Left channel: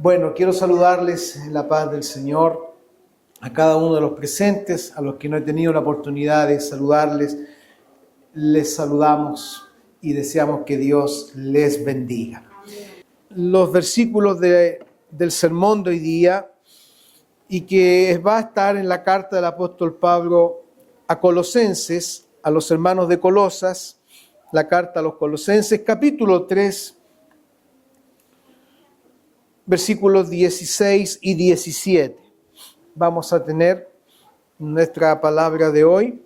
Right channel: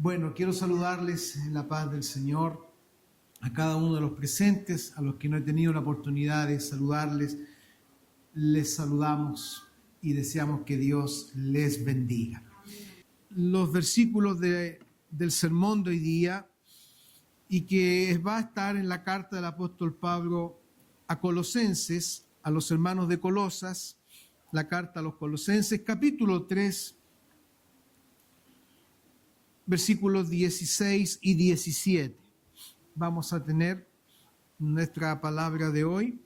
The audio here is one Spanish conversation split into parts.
Bueno, quiero saludarles en la paz del Señor, a cada uno de los presentes, a los que no he tenido la oportunidad de saludarles, les saludamos y deseamos que Dios les bendiga. Los versículos del sermón de hoy día y que va a estar en la carta del apóstol Pablo a Colosenses, a los hermanos de Colosas, la carta a los Colosenses, capítulo 3, versículos 16 y 17. Vamos a tener nuestra palabra de hoy.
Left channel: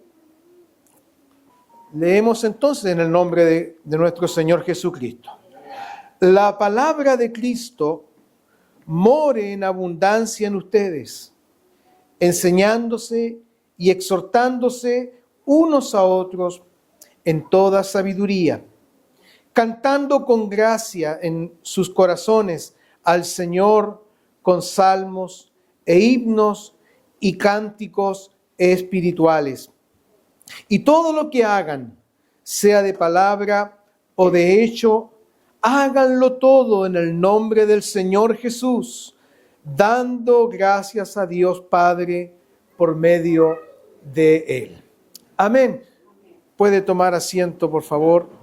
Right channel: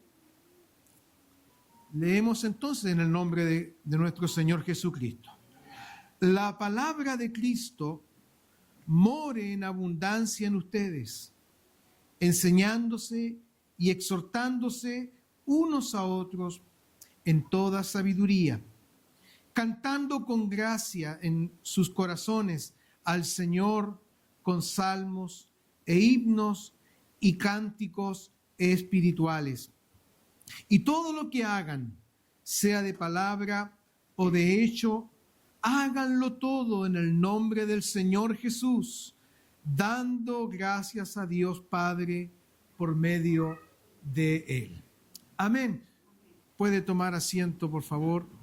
Leemos entonces en el nombre de nuestro Señor Jesucristo. La palabra de Cristo more en abundancia en ustedes, enseñándose y exhortándose unos a otros en toda sabiduría, cantando con gracia en sus corazones al Señor con salmos e himnos y cánticos espirituales. Y todo lo que hagan, sea de palabra o de hecho, háganlo todo en el nombre del Señor Jesús, dando gracias a Dios Padre por medio de Él. Amén. ¿Puede tomar asiento, por favor?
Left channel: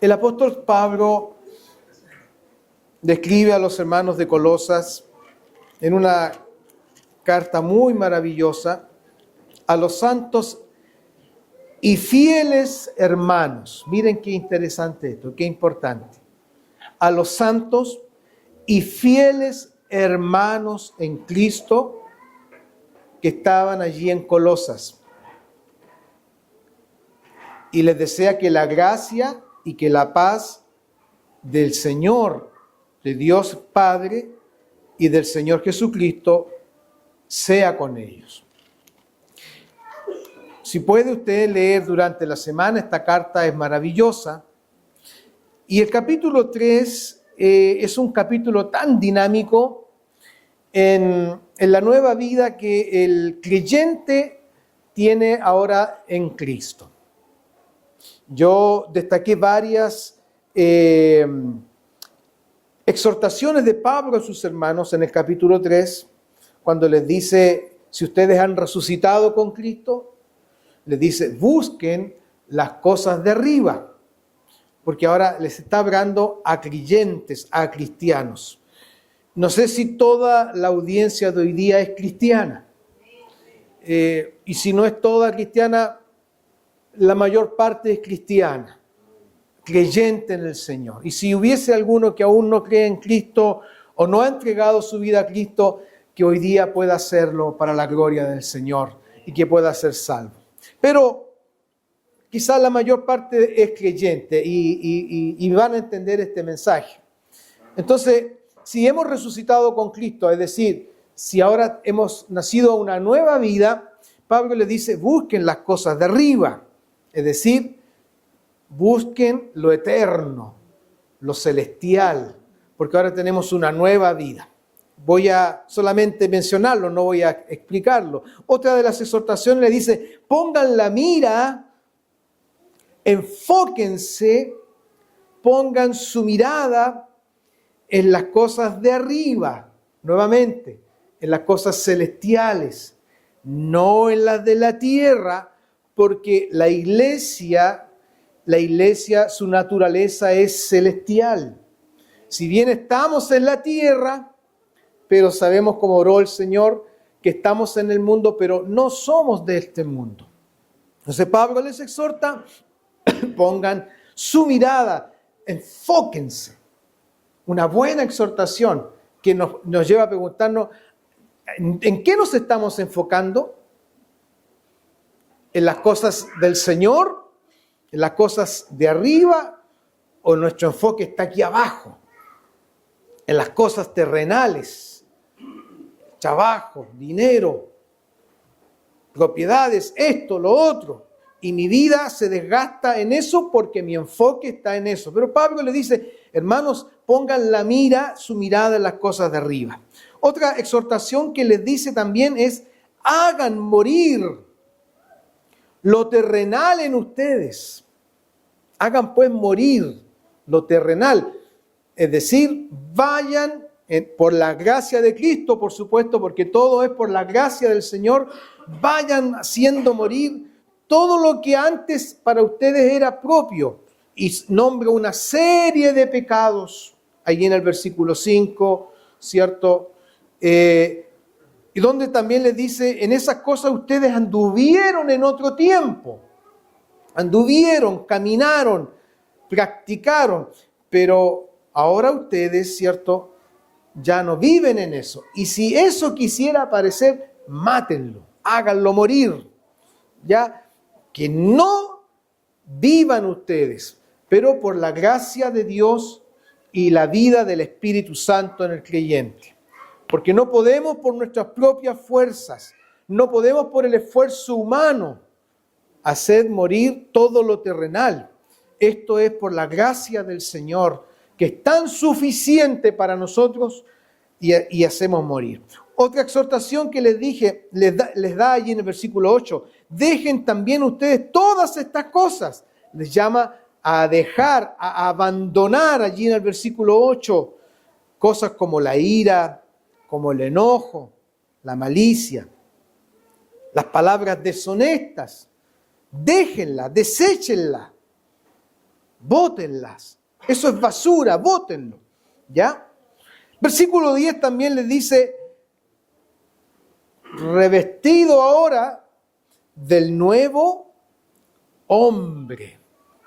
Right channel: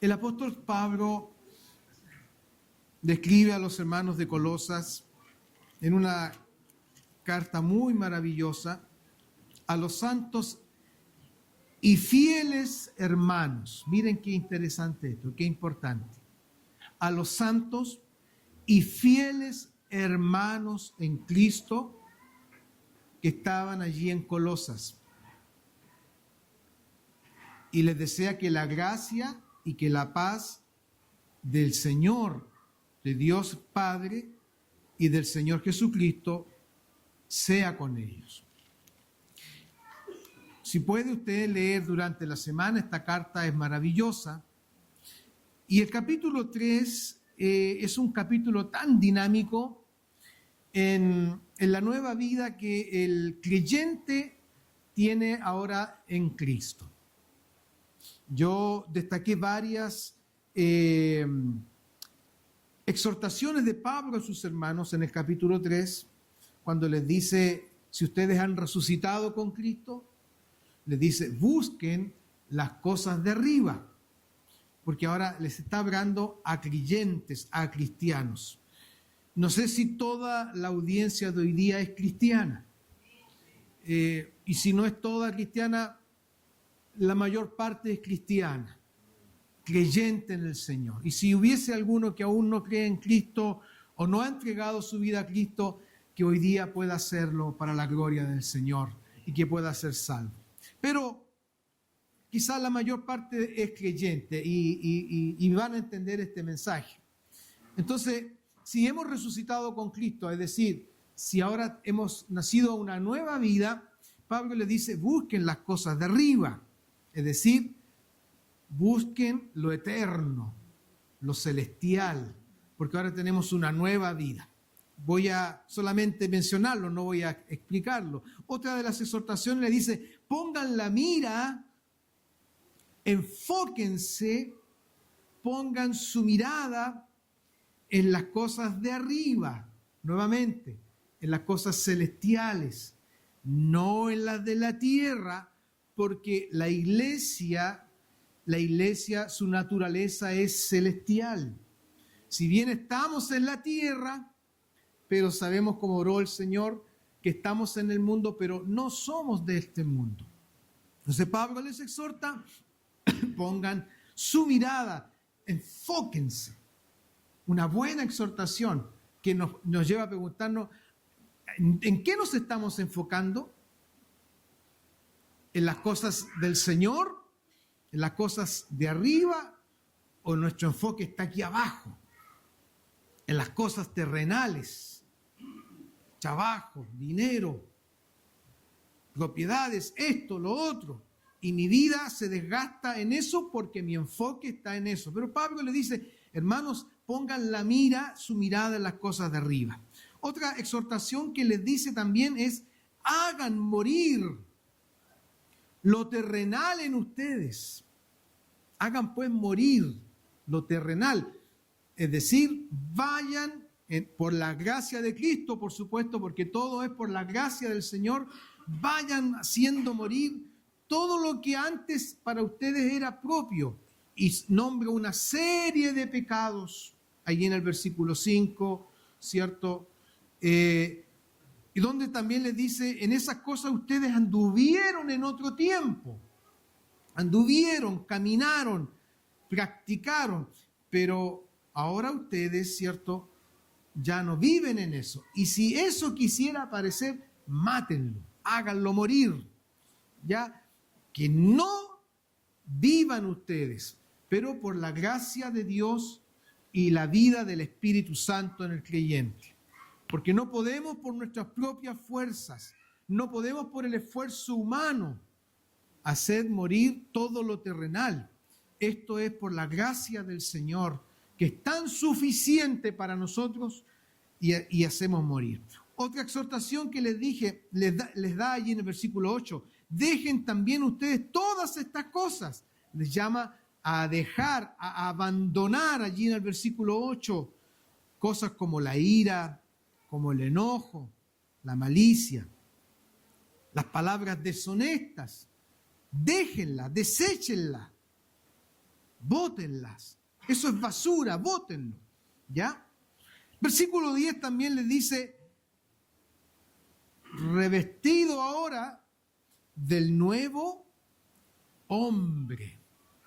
El apóstol Pablo describe a los hermanos de Colosas en una carta muy maravillosa a los santos y fieles hermanos. Miren qué interesante esto, qué importante. A los santos y fieles hermanos en Cristo que estaban allí en Colosas. Y les desea que la gracia y que la paz del Señor, de Dios Padre y del Señor Jesucristo sea con ellos. Si puede usted leer durante la semana, esta carta es maravillosa. Y el capítulo 3 es un capítulo tan dinámico en la nueva vida que el creyente tiene ahora en Cristo. Yo destaqué varias exhortaciones de Pablo a sus hermanos en el capítulo 3, cuando les dice, si ustedes han resucitado con Cristo, les dice, busquen las cosas de arriba, porque ahora les está hablando a creyentes, a cristianos. No sé si toda la audiencia de hoy día es cristiana, y si no es toda cristiana, la mayor parte es cristiana, creyente en el Señor. Y si hubiese alguno que aún no cree en Cristo o no ha entregado su vida a Cristo, que hoy día pueda hacerlo para la gloria del Señor y que pueda ser salvo. Pero quizás la mayor parte es creyente y van a entender este mensaje. Entonces, si hemos resucitado con Cristo, es decir, si ahora hemos nacido a una nueva vida, Pablo le dice, busquen las cosas de arriba. Es decir, busquen lo eterno, lo celestial, porque ahora tenemos una nueva vida. Voy a solamente mencionarlo, no voy a explicarlo. Otra de las exhortaciones le dice, pongan la mira, enfóquense, pongan su mirada en las cosas de arriba, nuevamente, en las cosas celestiales, no en las de la tierra, porque la iglesia, su naturaleza es celestial. Si bien estamos en la tierra, pero sabemos, como oró el Señor, que estamos en el mundo, pero no somos de este mundo. Entonces Pablo les exhorta, pongan su mirada, enfóquense. Una buena exhortación que nos lleva a preguntarnos, ¿en qué nos estamos enfocando? ¿En las cosas del Señor? ¿En las cosas de arriba? ¿O nuestro enfoque está aquí abajo? En las cosas terrenales, trabajo, dinero, propiedades, esto, lo otro. Y mi vida se desgasta en eso porque mi enfoque está en eso. Pero Pablo le dice, hermanos, pongan la mira, su mirada en las cosas de arriba. Otra exhortación que les dice también es, hagan morir lo terrenal en ustedes. Hagan pues morir lo terrenal. Es decir, vayan por la gracia de Cristo, por supuesto, porque todo es por la gracia del Señor. Vayan haciendo morir todo lo que antes para ustedes era propio. Y nombra una serie de pecados, allí en el versículo 5, ¿cierto? Y donde también les dice, en esas cosas ustedes anduvieron en otro tiempo. Anduvieron, caminaron, practicaron, pero ahora ustedes, ¿cierto?, ya no viven en eso. Y si eso quisiera aparecer, mátenlo, háganlo morir. Ya, que no vivan ustedes, pero por la gracia de Dios y la vida del Espíritu Santo en el creyente. Porque no podemos por nuestras propias fuerzas, no podemos por el esfuerzo humano hacer morir todo lo terrenal. Esto es por la gracia del Señor, que es tan suficiente para nosotros y hacemos morir. Otra exhortación que les dije, les da allí en el versículo 8, dejen también ustedes todas estas cosas. Les llama a dejar, a abandonar allí en el versículo 8, cosas como la ira, como el enojo, la malicia, las palabras deshonestas. Déjenlas, deséchenlas, bótenlas. Eso es basura, bótenlo. ¿Ya? Versículo 10 también les dice, revestido ahora del nuevo hombre.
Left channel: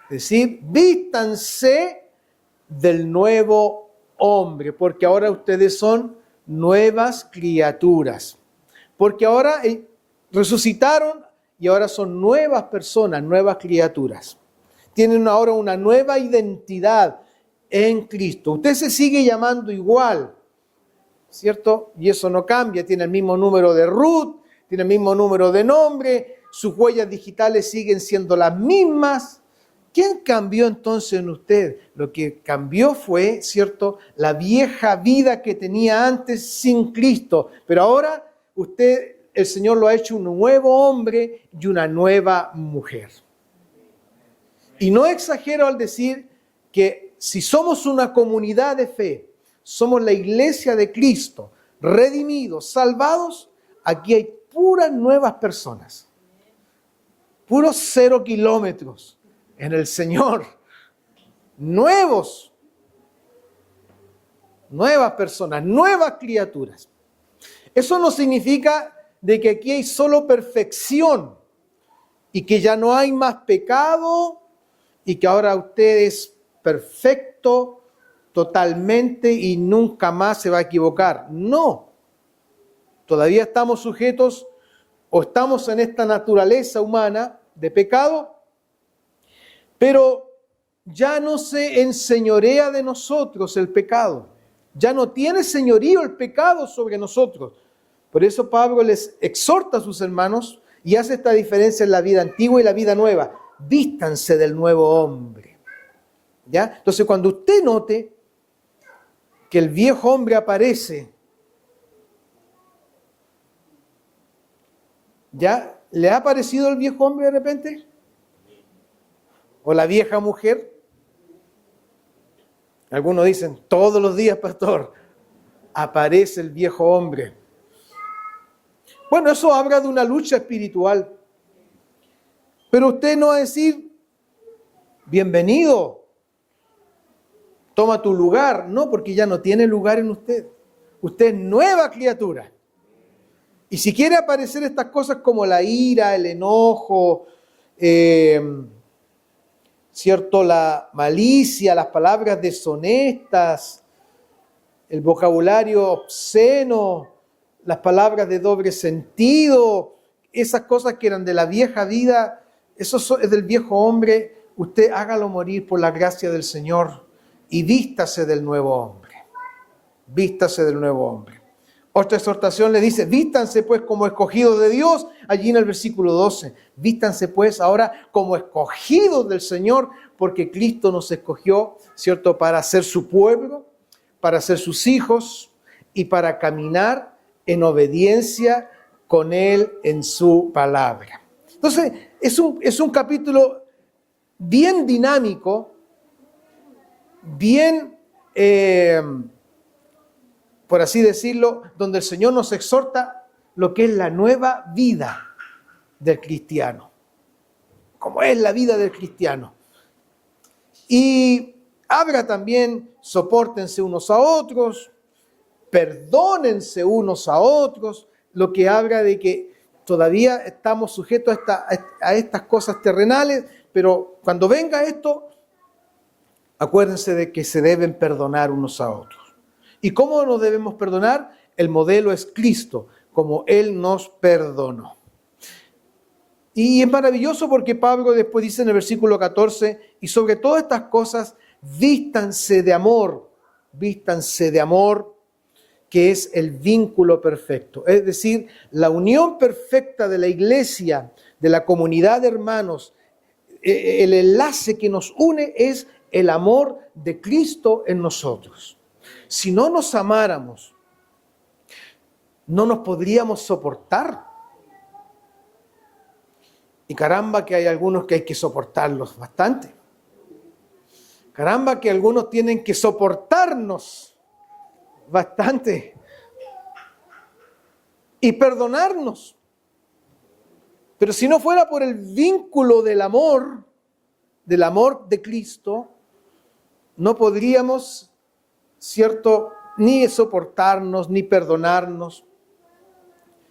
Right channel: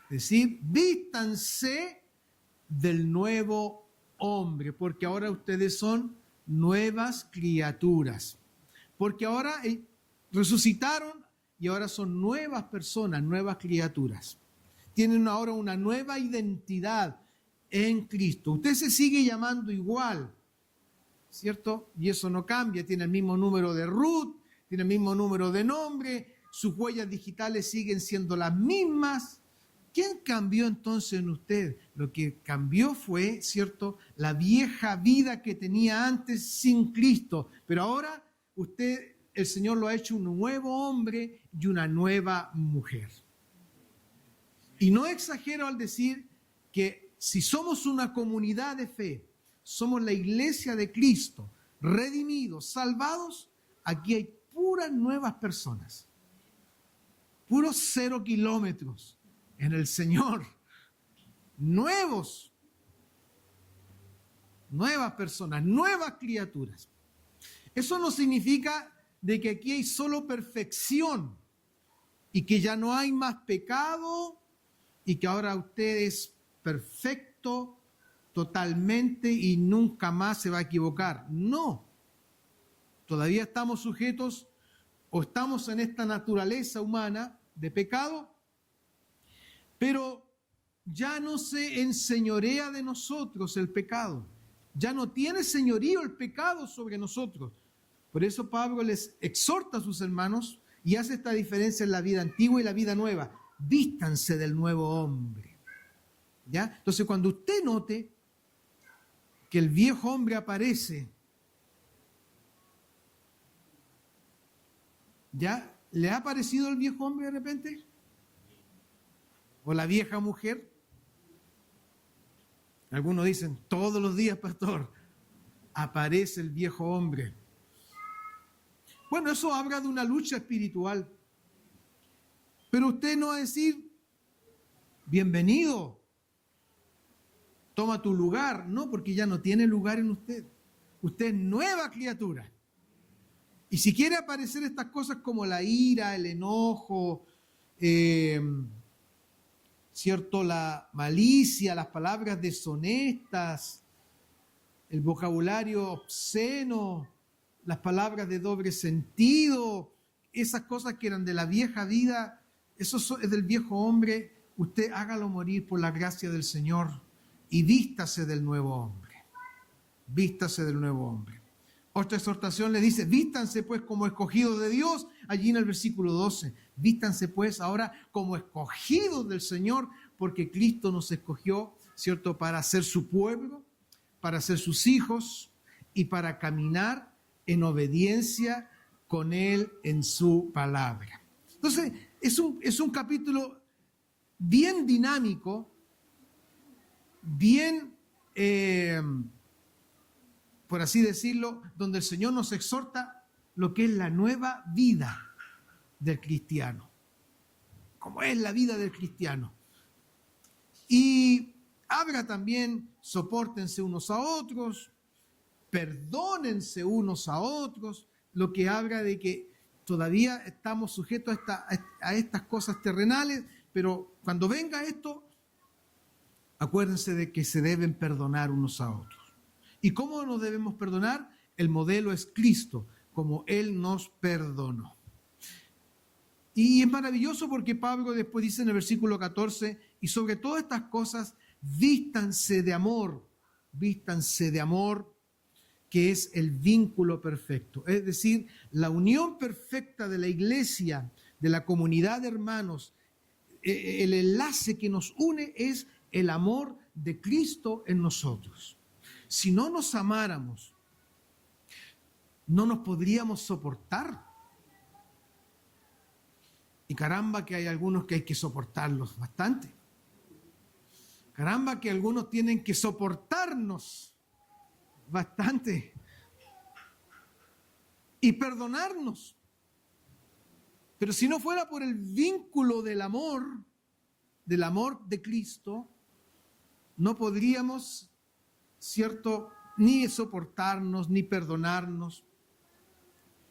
Es decir, vístanse del nuevo hombre, porque ahora ustedes son nuevas criaturas. Porque ahora resucitaron y ahora son nuevas personas, nuevas criaturas. Tienen ahora una nueva identidad en Cristo. Usted se sigue llamando igual, ¿cierto? Y eso no cambia. Tiene el mismo número de RUT, tiene el mismo número de nombre, sus huellas digitales siguen siendo las mismas. ¿Quién cambió entonces en usted? Lo que cambió fue, ¿cierto?, la vieja vida que tenía antes sin Cristo. Pero ahora usted, el Señor lo ha hecho un nuevo hombre y una nueva mujer. Y no exagero al decir que si somos una comunidad de fe, somos la iglesia de Cristo, redimidos, salvados, aquí hay puras nuevas personas, puros 0 kilómetros en el Señor, nuevas personas, nuevas criaturas. Eso no significa de que aquí hay solo perfección y que ya no hay más pecado y que ahora usted es perfecto totalmente y nunca más se va a equivocar. No, todavía estamos sujetos o estamos en esta naturaleza humana de pecado, pero ya no se enseñorea de nosotros el pecado. Ya no tiene señorío el pecado sobre nosotros. Por eso Pablo les exhorta a sus hermanos y hace esta diferencia en la vida antigua y la vida nueva. Vístanse del nuevo hombre. ¿Ya? Entonces, cuando usted note que el viejo hombre aparece, ¿ya? ¿Le ha aparecido el viejo hombre de repente? ¿O la vieja mujer? Algunos dicen, todos los días, pastor, aparece el viejo hombre. Bueno, eso habla de una lucha espiritual. Pero usted no va a decir, bienvenido, toma tu lugar. No, porque ya no tiene lugar en usted. Usted es nueva criatura. Y si quiere aparecer estas cosas como la ira, el enojo, ¿cierto?, la malicia, las palabras deshonestas, el vocabulario obsceno, las palabras de doble sentido, esas cosas que eran de la vieja vida, eso es del viejo hombre, usted hágalo morir por la gracia del Señor y vístase del nuevo hombre. Vístase del nuevo hombre. Otra exhortación le dice, vístanse pues como escogidos de Dios, allí en el versículo 12. Vístanse pues ahora como escogidos del Señor, porque Cristo nos escogió, ¿cierto?, para ser su pueblo, para ser sus hijos y para caminar en obediencia con Él en su palabra. Entonces, es un capítulo bien dinámico, bien, por así decirlo, donde el Señor nos exhorta lo que es la nueva vida del cristiano. Como es la vida del cristiano. Y habla también, sopórtense unos a otros, perdónense unos a otros, lo que habla de que todavía estamos sujetos a estas cosas terrenales, pero cuando venga esto, acuérdense de que se deben perdonar unos a otros. ¿Y cómo nos debemos perdonar? El modelo es Cristo, como Él nos perdonó. Y es maravilloso porque Pablo después dice en el versículo 14, y sobre todas estas cosas, vístanse de amor, que es el vínculo perfecto. Es decir, la unión perfecta de la iglesia, de la comunidad de hermanos, el enlace que nos une es el amor de Cristo en nosotros. Si no nos amáramos, no nos podríamos soportar. Y caramba que hay algunos que hay que soportarlos bastante. Caramba que algunos tienen que soportarnos bastante. Y perdonarnos. Pero si no fuera por el vínculo del amor de Cristo, no podríamos, ¿cierto?, ni soportarnos, ni perdonarnos,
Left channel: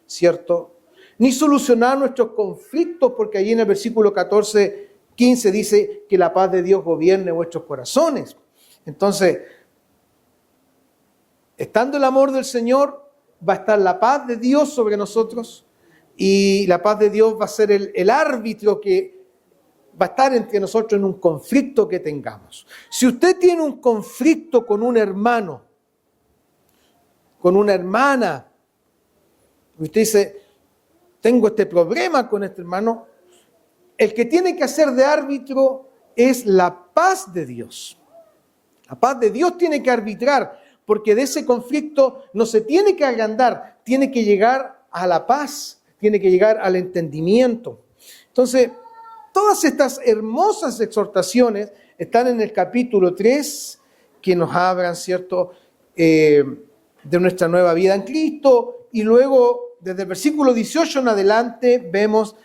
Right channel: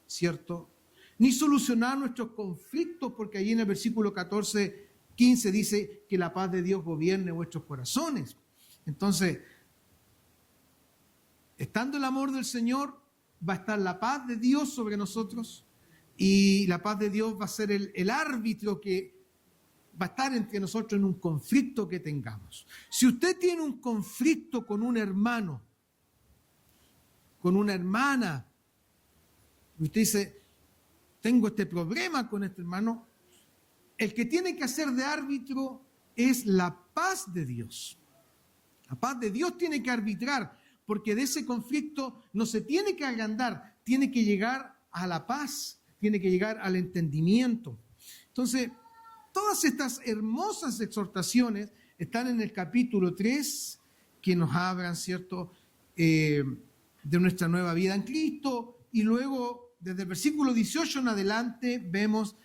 ¿cierto?, ni solucionar nuestros conflictos, porque allí en el versículo 14, 15 dice que la paz de Dios gobierne vuestros corazones. Entonces, estando el amor del Señor, va a estar la paz de Dios sobre nosotros, y la paz de Dios va a ser el árbitro que va a estar entre nosotros en un conflicto que tengamos. Si usted tiene un conflicto con un hermano, con una hermana, usted dice, tengo este problema con este hermano, el que tiene que hacer de árbitro es la paz de Dios. La paz de Dios tiene que arbitrar, porque de ese conflicto no se tiene que agrandar, tiene que llegar a la paz, tiene que llegar al entendimiento. Entonces, todas estas hermosas exhortaciones están en el capítulo 3, que nos hablan, ¿cierto?, de nuestra nueva vida en Cristo, y luego desde el versículo 18 en adelante vemos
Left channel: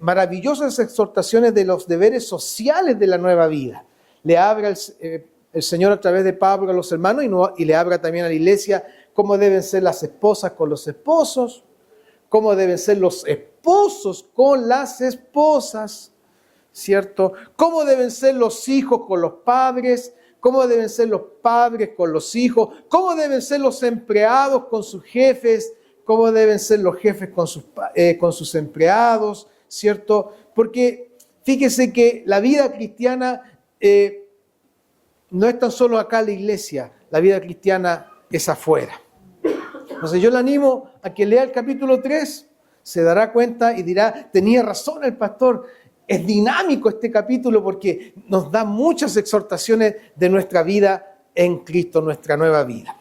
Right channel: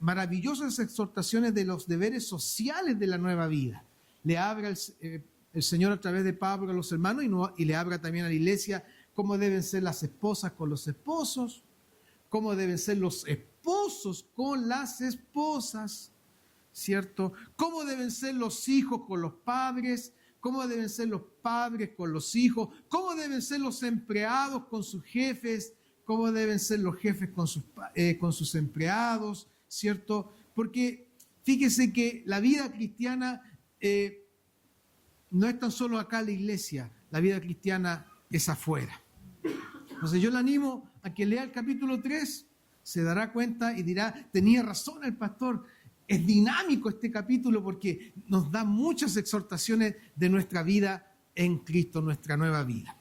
maravillosas exhortaciones de los deberes sociales de la nueva vida. Le habla el Señor a través de Pablo a los hermanos y le habla también a la iglesia cómo deben ser las esposas con los esposos, cómo deben ser los esposos con las esposas, ¿cierto? Cómo deben ser los hijos con los padres, cómo deben ser los padres con los hijos, cómo deben ser los empleados con sus jefes, cómo deben ser los jefes con sus empleados, ¿cierto? Porque fíjese que la vida cristiana no es tan solo acá en la iglesia, la vida cristiana es afuera. Entonces yo le animo a que lea el capítulo 3, se dará cuenta y dirá, tenía razón el pastor, es dinámico este capítulo porque nos da muchas exhortaciones de nuestra vida en Cristo, nuestra nueva vida.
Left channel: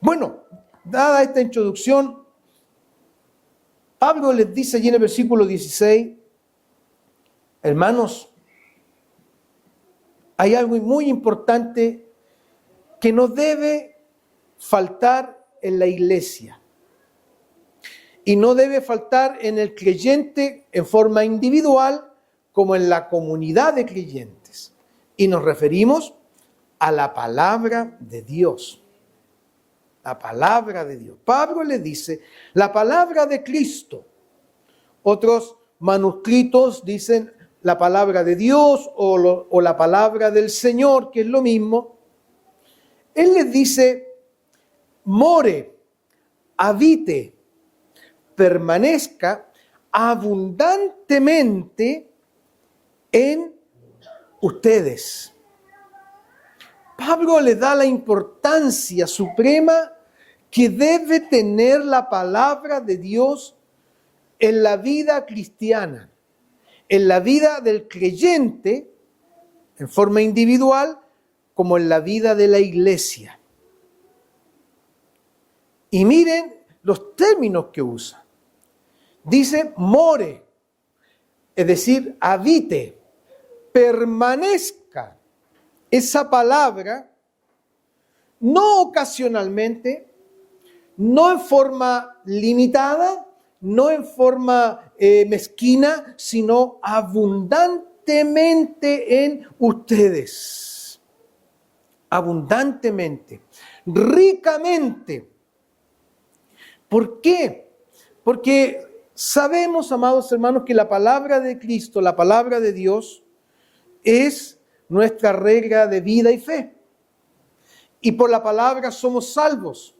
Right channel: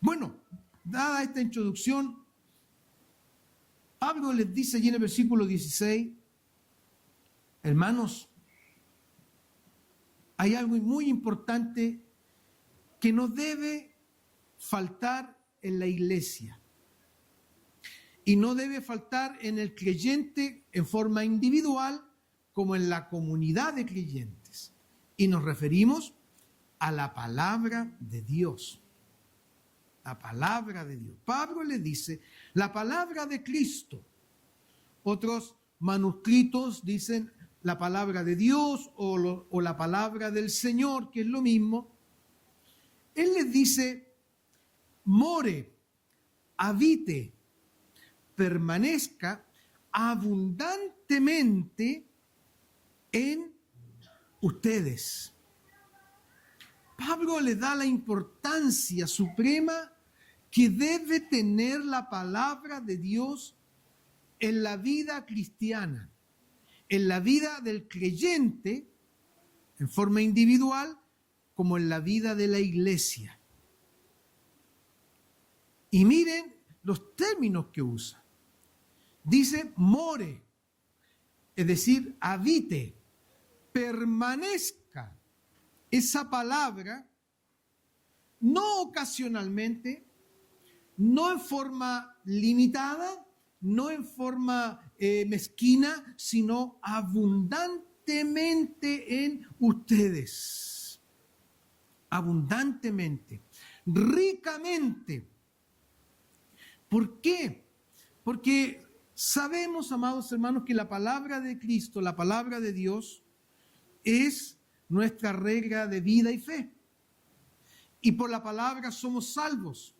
Bueno, dada esta introducción, Pablo les dice allí en el versículo 16, hermanos, hay algo muy importante que no debe faltar en la iglesia y no debe faltar en el creyente en forma individual como en la comunidad de creyentes. Y nos referimos a la palabra de Dios. La palabra de Dios. Pablo le dice, la palabra de Cristo. Otros manuscritos dicen la palabra de Dios o la palabra del Señor, que es lo mismo. Él les dice, more, habite, permanezca abundantemente en ustedes. Pablo le da la importancia suprema que debe tener la palabra de Dios en la vida cristiana, en la vida del creyente, en forma individual, como en la vida de la iglesia. Y miren los términos que usa. Dice more, es decir, habite, permanezca esa palabra, no ocasionalmente, no en forma limitada, no en forma mezquina, sino abundantemente en ustedes. Abundantemente, ricamente. ¿Por qué? Porque sabemos, amados hermanos, que la palabra de Cristo, la palabra de Dios, es nuestra regla de vida y fe. Y por la palabra somos salvos.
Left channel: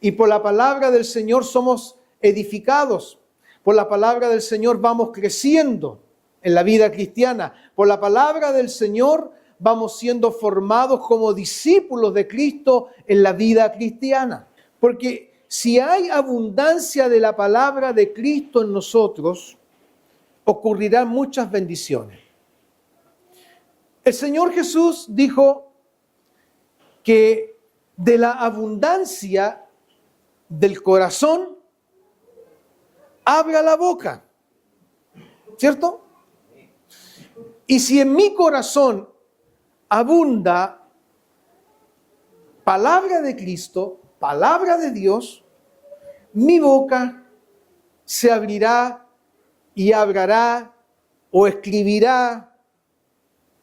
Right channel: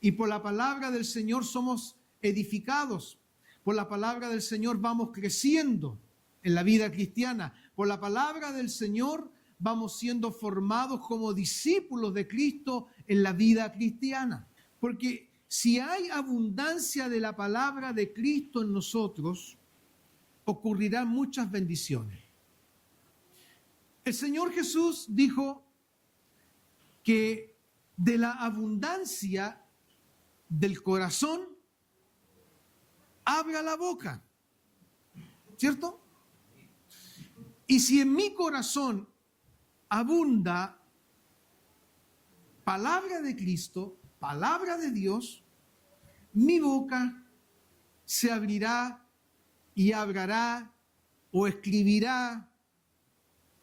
Y por la palabra del Señor somos edificados. Por la palabra del Señor vamos creciendo en la vida cristiana. Por la palabra del Señor vamos siendo formados como discípulos de Cristo en la vida cristiana. Porque si hay abundancia de la palabra de Cristo en nosotros, ocurrirán muchas bendiciones. El Señor Jesús dijo que de la abundancia del corazón habla la boca, ¿cierto? Y si en mi corazón abunda palabra de Cristo, palabra de Dios, mi boca se abrirá y hablará o escribirá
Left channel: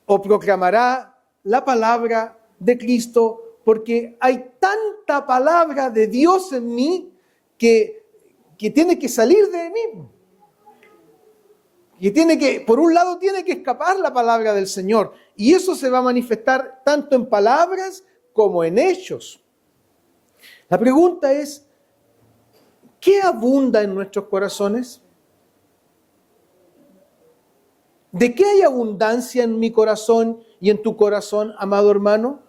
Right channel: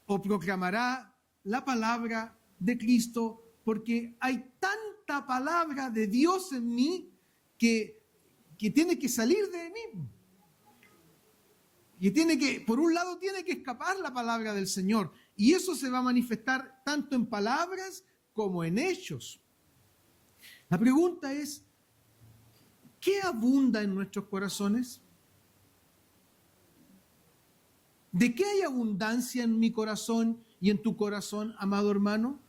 o proclamará la palabra de Cristo, porque hay tanta palabra de Dios en mí que tiene que salir de mí. Por un lado tiene que escapar la palabra del Señor, y eso se va a manifestar tanto en palabras como en hechos. La pregunta es, ¿qué abunda en nuestros corazones? ¿De qué hay abundancia en mi corazón y en tu corazón, amado hermano?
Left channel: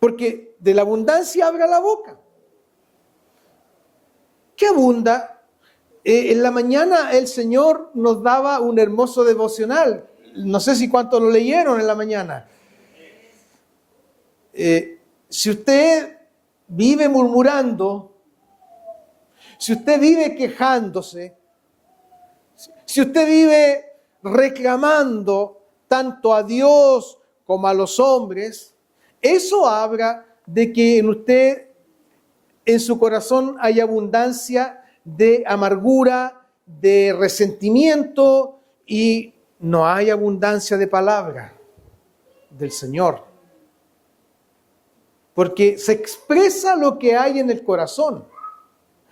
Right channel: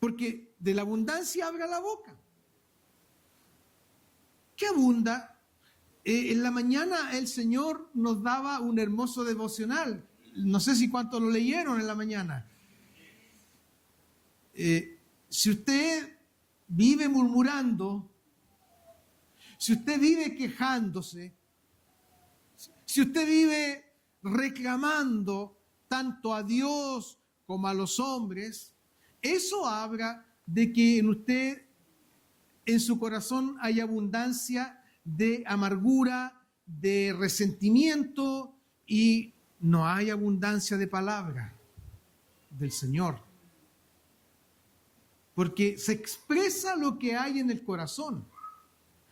Porque de la abundancia habla la boca. ¿Qué abunda? En la mañana el Señor nos daba un hermoso devocional. No sé si cuántos lo leyeron en la mañana. Si usted vive murmurando, si usted vive quejándose, si usted vive reclamando tanto a Dios como a los hombres, eso habla de que en usted, en su corazón, hay abundancia de amargura, de resentimiento, y no hay abundancia de palabra del Señor. Porque se expresa lo que hay en el corazón.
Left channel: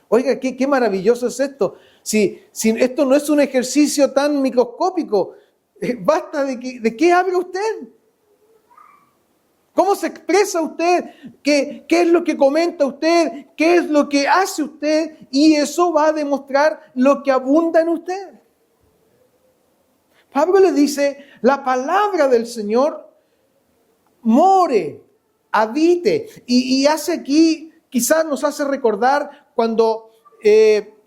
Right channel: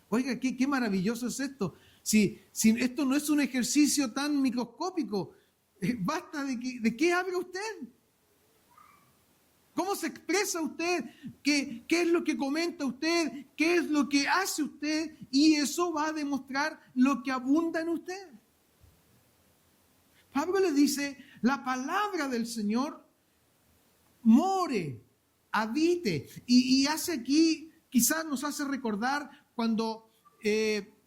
Oiga, qué maravilloso es esto. Si esto no es un ejercicio tan microscópico, basta de qué habla usted. ¿Cómo se expresa usted? ¿Qué es lo que comenta usted? ¿Qué es lo que hace usted? Y eso va a demostrar lo que abunda en usted. Pablo le dice, la palabra del Señor more, habite. Y hace aquí, quizás nos hace recordar cuando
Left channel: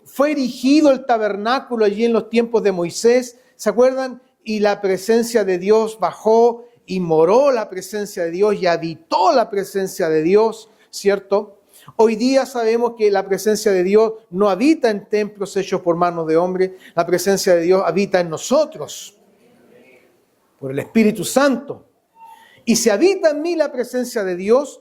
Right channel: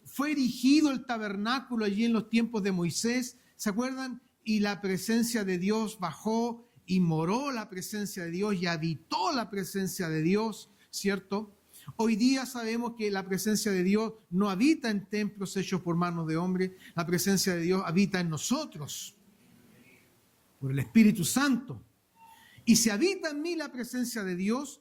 fue erigido el tabernáculo allí en los tiempos de Moisés, ¿se acuerdan? Y la presencia de Dios bajó y moró la presencia de Dios y habitó la presencia de Dios, ¿cierto? Hoy día sabemos que la presencia de Dios no habita en templos hechos por manos de hombre, la presencia de Dios habita en nosotros, por el Espíritu Santo. Y si habita en mí la presencia de Dios,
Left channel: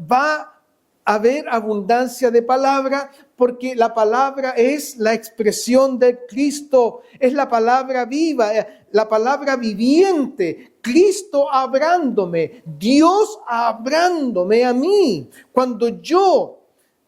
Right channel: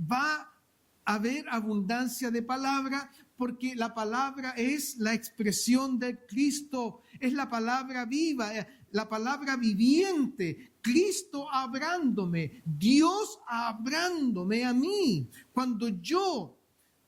va a haber abundancia de palabra, porque la palabra es la expresión de Cristo, es la palabra viva, la palabra viviente, Cristo hablándome, Dios hablándome a mí. Cuando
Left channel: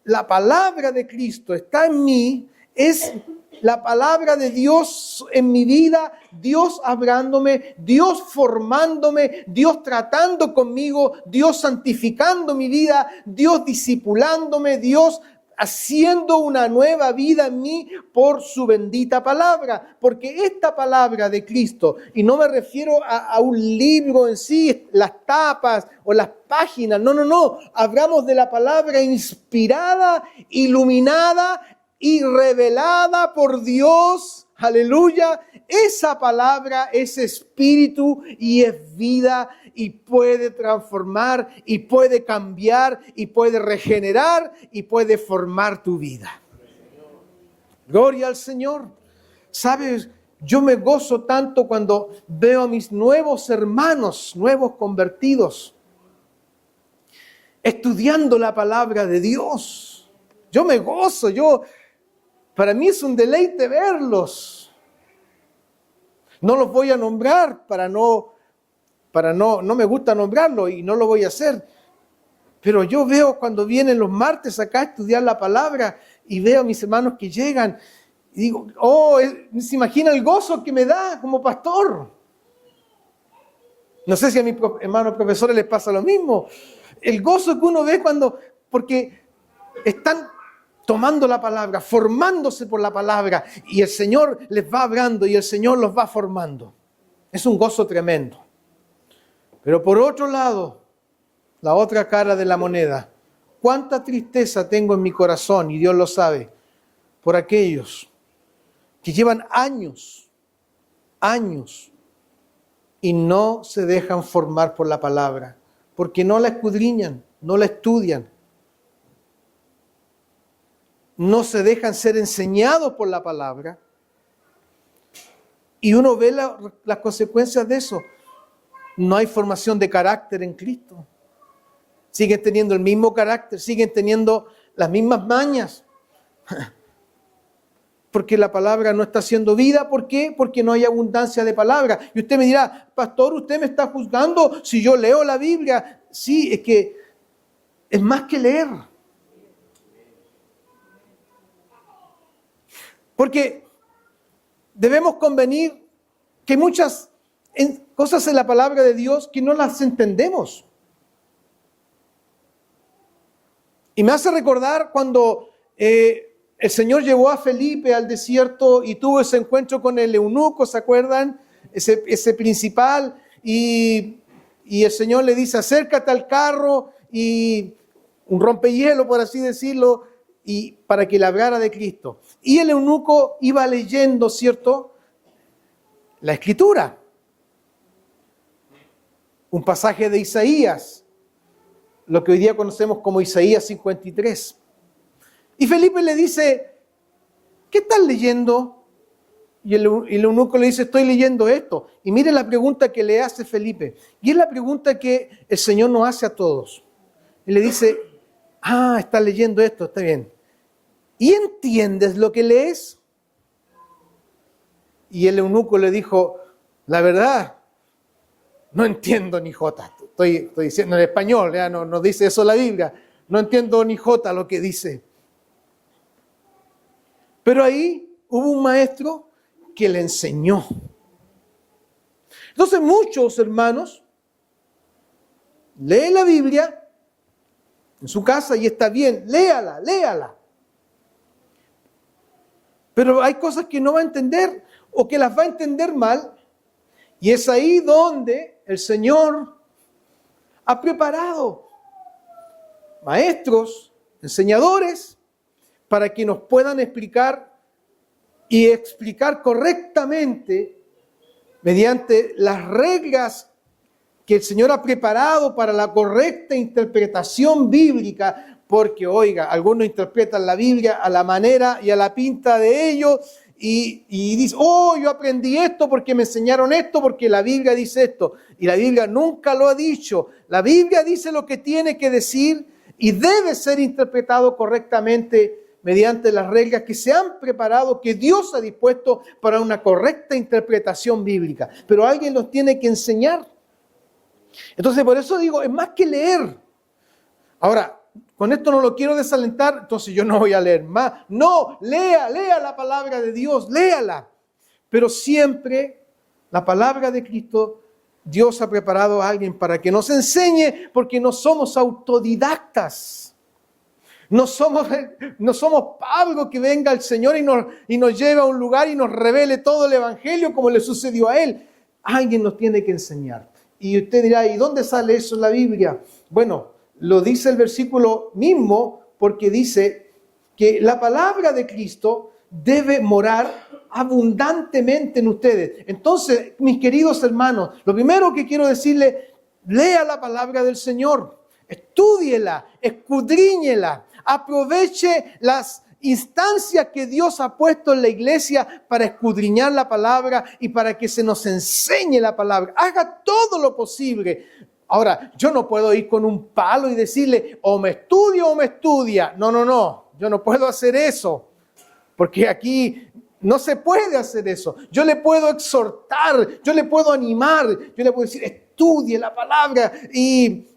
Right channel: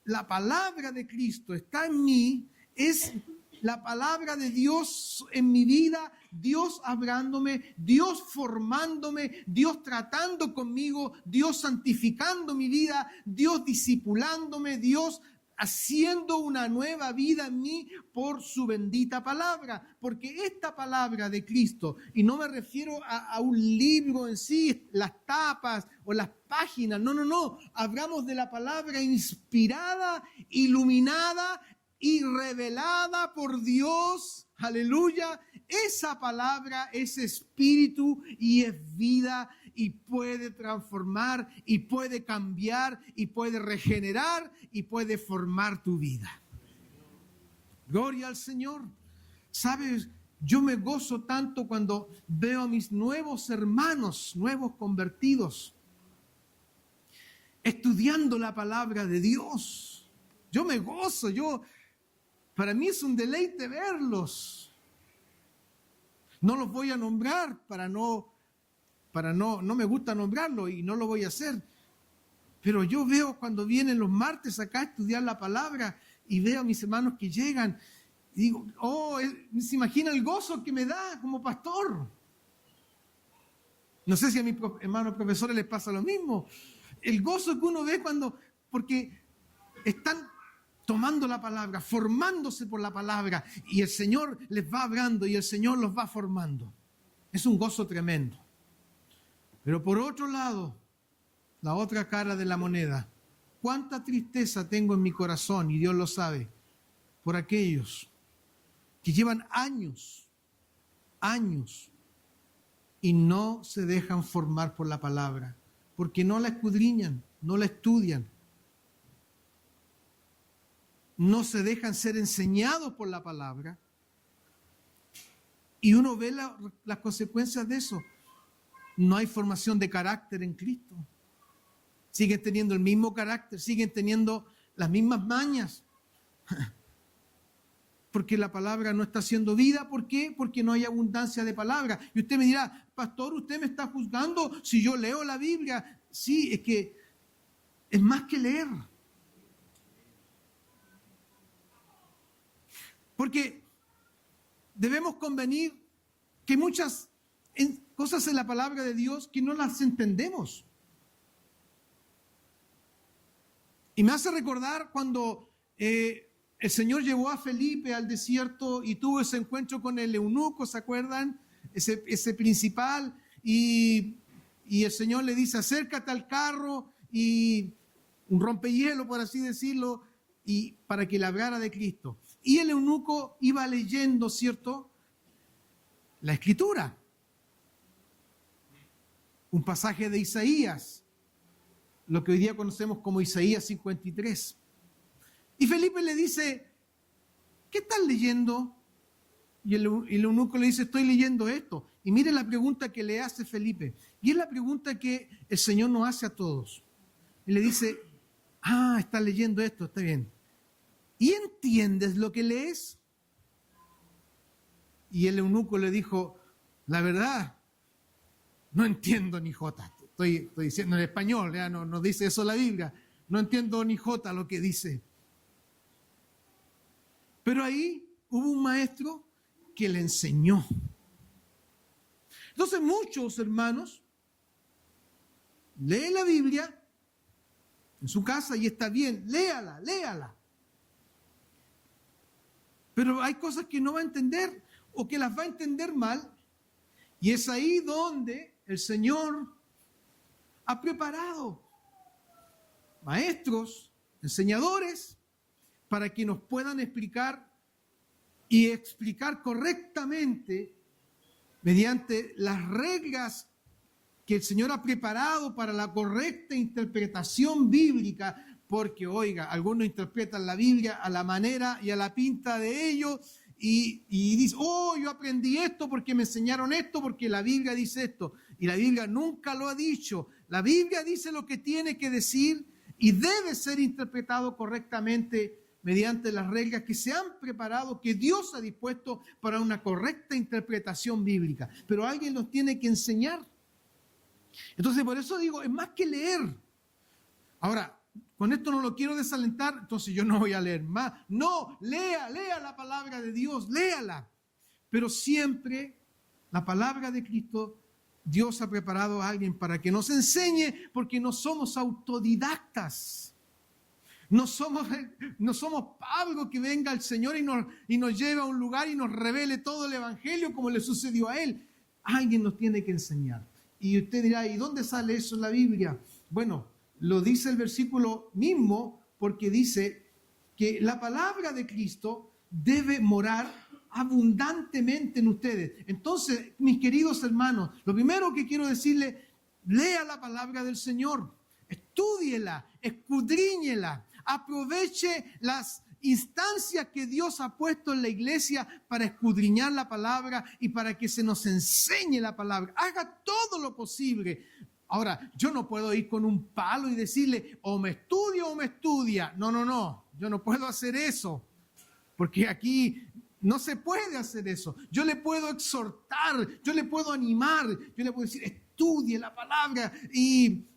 la palabra de Cristo está en mí, es la palabra de Dios en mi vida, Dios hablándome, Dios formándome, Dios tratando conmigo, Dios santificando mi vida, Dios discipulándome, Dios haciendo una nueva vida en mí por su bendita palabra. Porque esta palabra de Cristo, y no me refiero a un libro en sí, las tapas o las páginas, no, hablamos de la palabra inspirada, iluminada y revelada por Dios, aleluya. Esa palabra es espíritu y es vida y puede transformar y puede cambiar y puede regenerar y puede formar tu vida. Gloria al Señor. ¿Sabes? Yo me gozo tanto cuando veo a mis nuevos hermanos, nuevos convertidos, estudiando la palabra de Dios. Yo me gozo, para mí es un deleite verlos. No los voy a nombrar no me gusta nombrarlo y no lo voy a hacer. Pero yo veo cuando vienen los martes acá a estudiar la palabra y veo a mis hermanos que llegan y digo, se imagina el gozo que me da como pastor. No sé si a mis hermanos profesores les pasa lo mismo. El gozo que uno ve porque están tomando la palabra, formándose por la palabra y el Señor les va hablando y el Señor los va formando. Es un gozo tremendo. Pero por otro lado, la otra cara de la moneda, cuánta tristeza tengo en mi corazón, y Dios lo sabe, por aquellos que llevan años, y no se dejan formar por la palabra, porque no la escudriñan, no la estudian, no se dejan ser enseñados por la palabra, y uno ve las consecuencias de eso. No hay formación de carácter en Cristo. Siguen teniendo el mismo carácter, siguen teniendo las mismas mañas. Porque la palabra no está haciendo vida. ¿Por qué? Porque no hay abundancia de palabra. Y usted me dirá, pastor, usted me está juzgando si yo leo la Biblia. Sí, es que es más que leer. Porque debemos convenir que muchas cosas en la palabra de Dios que no las entendemos. Y me hace recordar cuando el Señor llevó a Felipe al desierto y tuvo ese encuentro con el eunuco, ¿se acuerdan? Ese principal, y el Señor le dice, acércate al carro, y un rompehielo, por así decirlo, y para que le hablara de Cristo. Y el eunuco iba leyendo, ¿cierto?, la Escritura. Un pasaje de Isaías, lo que hoy día conocemos como Isaías 53. Y Felipe le dice, ¿qué estás leyendo? Y el eunuco le dice, estoy leyendo esto. Y mire la pregunta que le hace Felipe. Y es la pregunta que el Señor nos hace a todos. Y le dice, estás leyendo esto, está bien. ¿Y entiendes lo que lees? Y el eunuco le dijo, la verdad, no entiendo ni jota. Estoy diciendo en español, ya no dice eso la Biblia. No entiendo ni jota lo que dice. Pero ahí hubo un maestro que le enseñó. Entonces muchos hermanos leen la Biblia en su casa y está bien, léala. Pero hay cosas que no va a entender o que las va a entender mal. Y es ahí donde el Señor ha preparado maestros, enseñadores, para que nos puedan explicar y explicar correctamente mediante las reglas que el Señor ha preparado para la correcta interpretación bíblica, porque, oiga, algunos interpretan la Biblia a la manera y a la pinta de ellos y dicen, yo aprendí esto porque me enseñaron esto, porque la Biblia dice esto. Y la Biblia nunca lo ha dicho. La Biblia dice lo que tiene que decir y debe ser interpretado correctamente mediante las reglas que se han preparado, que Dios ha dispuesto para una correcta interpretación bíblica. Pero alguien nos tiene que enseñar. Entonces, por eso digo, es más que leer. Ahora, con esto no lo quiero desalentar, entonces yo no voy a leer más. No, lea la palabra de Dios, léala. Pero siempre la palabra de Cristo, Dios ha preparado a alguien para que nos enseñe, porque no somos autodidactas. No somos Pablo que venga al Señor y nos lleve a un lugar y nos revele todo el Evangelio como le sucedió a él. Alguien nos tiene que enseñar. Y usted dirá, ¿y dónde sale eso en la Biblia? Bueno, lo dice el versículo mismo, porque dice que la palabra de Cristo debe morar abundantemente en ustedes. Entonces, mis queridos hermanos, lo primero que quiero decirle, lea la palabra del Señor, estúdiela, escudriñela, aproveche las instancias que Dios ha puesto en la iglesia para escudriñar la palabra y para que se nos enseñe la palabra. Haga todo lo posible. Ahora, yo no puedo ir con un palo y decirle, o me estudia o me estudia. No. Yo no puedo hacer eso. Porque aquí no se puede hacer eso. Yo le puedo exhortar, yo le puedo animar, yo le puedo decir, estudie la palabra y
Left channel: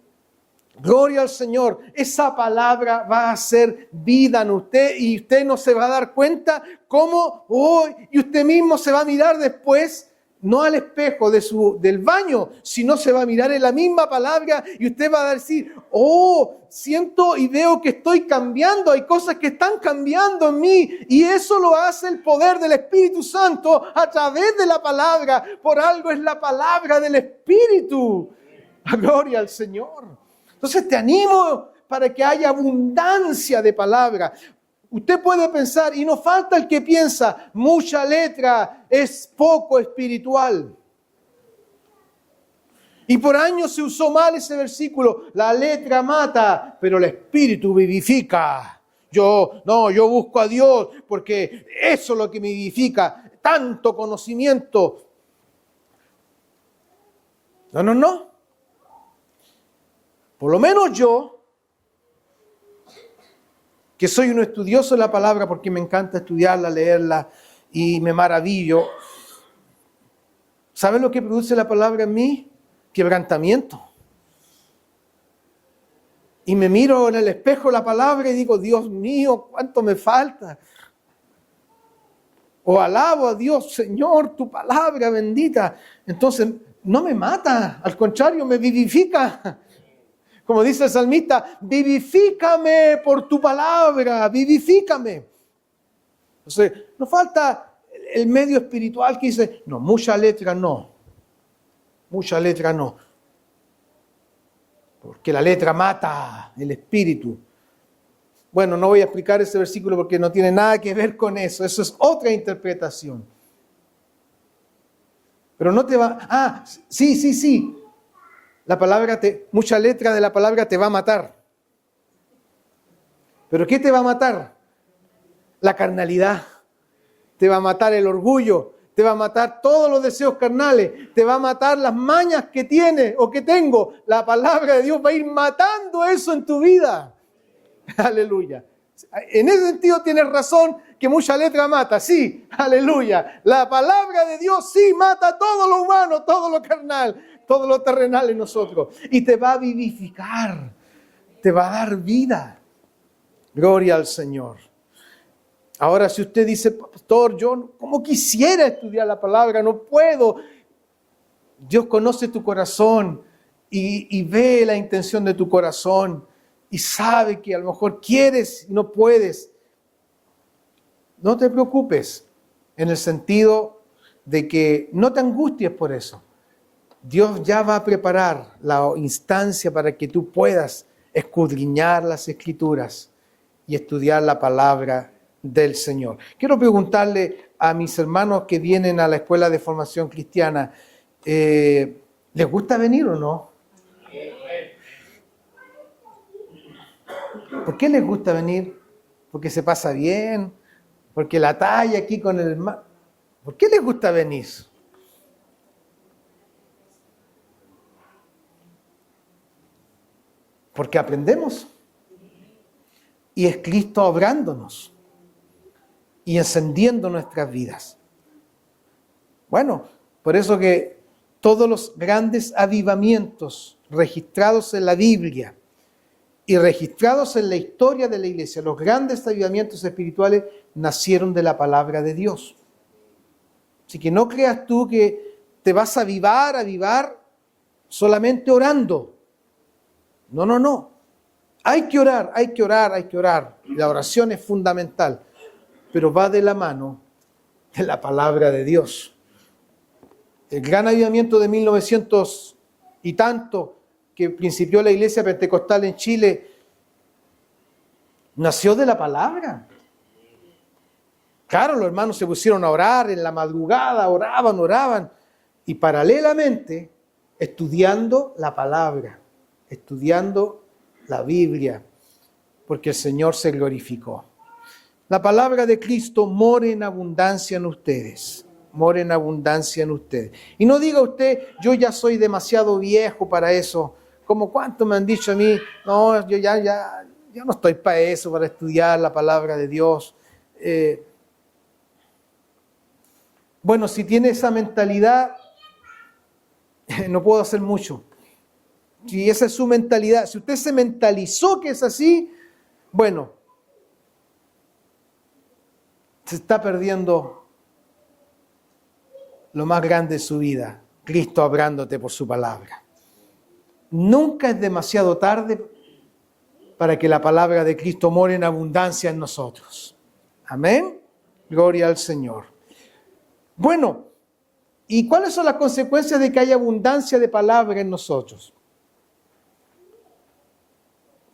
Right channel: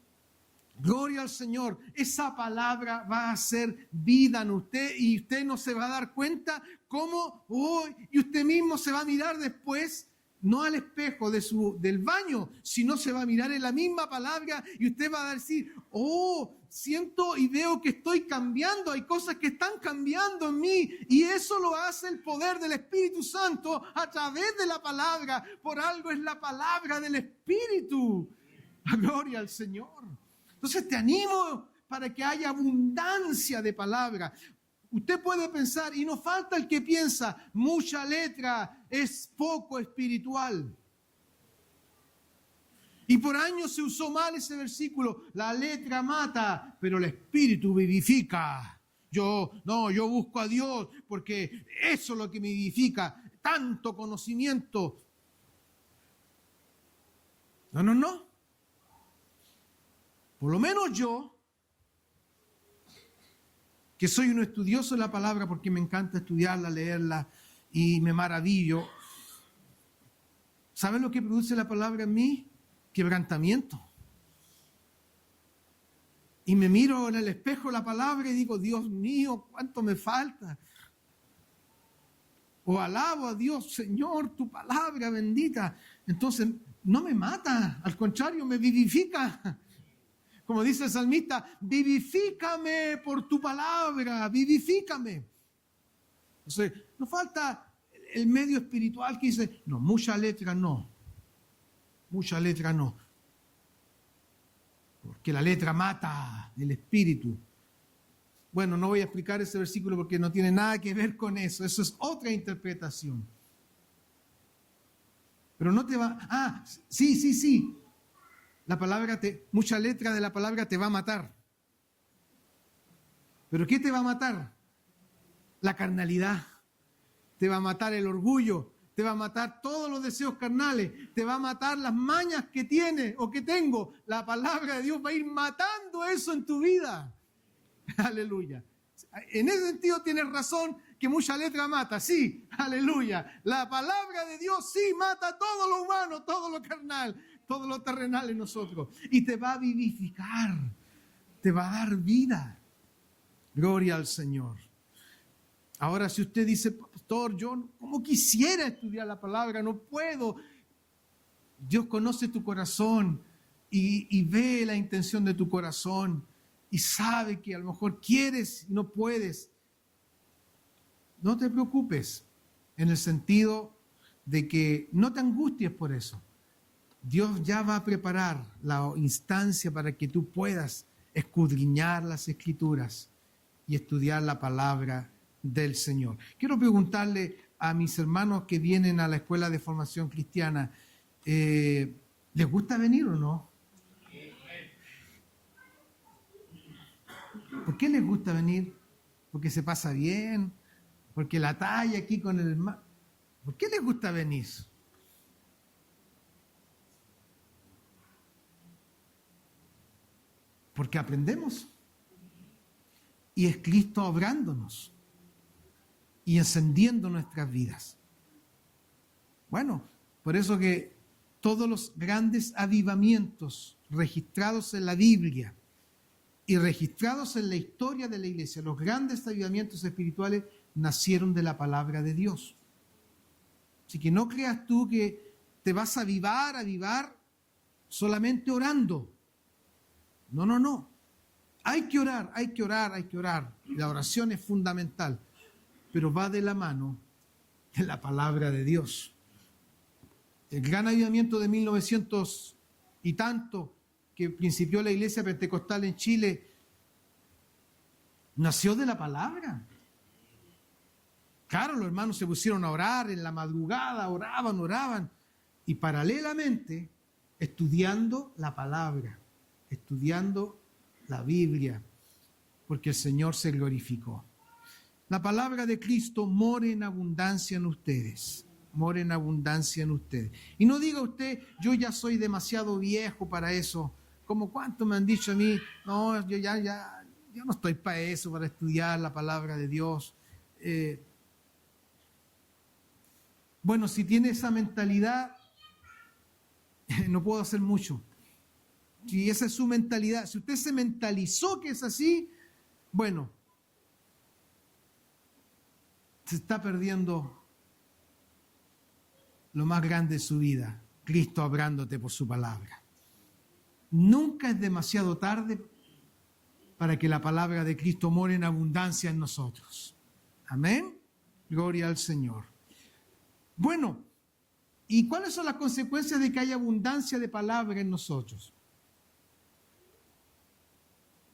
gloria al Señor. Esa palabra va a hacer vida en usted y usted no se va a dar cuenta cómo hoy y usted mismo se va a mirar después, no al espejo del baño, sino se va a mirar en la misma palabra y usted va a decir, siento y veo que estoy cambiando, hay cosas que están cambiando en mí y eso lo hace el poder del Espíritu Santo a través de la palabra. Por algo es la palabra del Espíritu. Gloria al Señor. Entonces te animo para que haya abundancia de palabra. Usted puede pensar, y no falta el que piensa, mucha letra es poco espiritual. Y por años se usó mal ese versículo, la letra mata, pero el espíritu vivifica. Yo busco a Dios porque eso es lo que me vivifica, tanto conocimiento. No. Por lo menos yo, que soy un estudioso de la palabra porque me encanta estudiarla, leerla y me maravillo. ¿Saben lo que produce la palabra en mí? Quebrantamiento. Y me miro en el espejo la palabra y digo, Dios mío, ¿cuánto me falta? O alabo a Dios, Señor, tu palabra bendita. Entonces, no me mata, al contrario, me vivifica. Como dice el salmista, vivifícame por tu palabra, vivifícame. Entonces, no falta el medio espiritual que dice, no, mucha letra no. Porque la letra mata el espíritu. Bueno, no voy a explicar ese versículo porque no tiene nada que ver con eso. Eso es otra interpretación. Pero no te va... Sí. Mucha letra de la palabra te va a matar. ¿Pero qué te va a matar? La carnalidad. Te va a matar el orgullo. Te va a matar todos los deseos carnales. Te va a matar las mañas que tienes o que tengo. La palabra de Dios va a ir matando eso en tu vida. Aleluya. En ese sentido tienes razón que mucha letra mata. Sí, aleluya. La palabra de Dios sí mata todo lo humano, todo lo carnal, todo lo terrenal en nosotros. Y te va a vivificar. Te va a dar vida. Gloria al Señor. Ahora, si usted dice, pastor, yo como quisiera estudiar la palabra, no puedo. Dios conoce tu corazón y ve la intención de tu corazón y sabe que a lo mejor quieres y no puedes. No te preocupes en el sentido de que no te angusties por eso. Dios ya va a preparar la instancia para que tú puedas escudriñar las Escrituras y estudiar la palabra del Señor. Quiero preguntarle a mis hermanos que vienen a la escuela de formación cristiana, ¿les gusta venir o no? ¿Por qué les gusta venir? ¿Porque se pasa bien? ¿Porque la talla aquí con el hermano? ¿Por qué les gusta venir? Porque aprendemos. Y es Cristo obrándonos y encendiendo nuestras vidas. Bueno, por eso que todos los grandes avivamientos registrados en la Biblia y registrados en la historia de la iglesia, los grandes avivamientos espirituales nacieron de la palabra de Dios. Así que no creas tú que te vas a avivar solamente orando. No. Hay que orar. La oración es fundamental, pero va de la mano de la palabra de Dios. El gran avivamiento de 1900 y tanto que principió la iglesia pentecostal en Chile nació de la palabra. Claro, los hermanos se pusieron a orar en la madrugada, oraban y paralelamente estudiando la palabra, estudiando la Biblia, porque el Señor se glorificó. La palabra de Cristo more en abundancia en ustedes. More en abundancia en ustedes. Y no diga usted, yo ya soy demasiado viejo para eso. Como cuánto me han dicho a mí, no, yo no estoy para eso, para estudiar la palabra de Dios. Bueno, si tiene esa mentalidad, no puedo hacer mucho. Si esa es su mentalidad, si usted se mentalizó que es así, bueno, se está perdiendo lo más grande de su vida, Cristo hablándote por su palabra. Nunca es demasiado tarde para que la palabra de Cristo more en abundancia en nosotros. Amén. Gloria al Señor. Bueno, ¿y cuáles son las consecuencias de que haya abundancia de palabra en nosotros?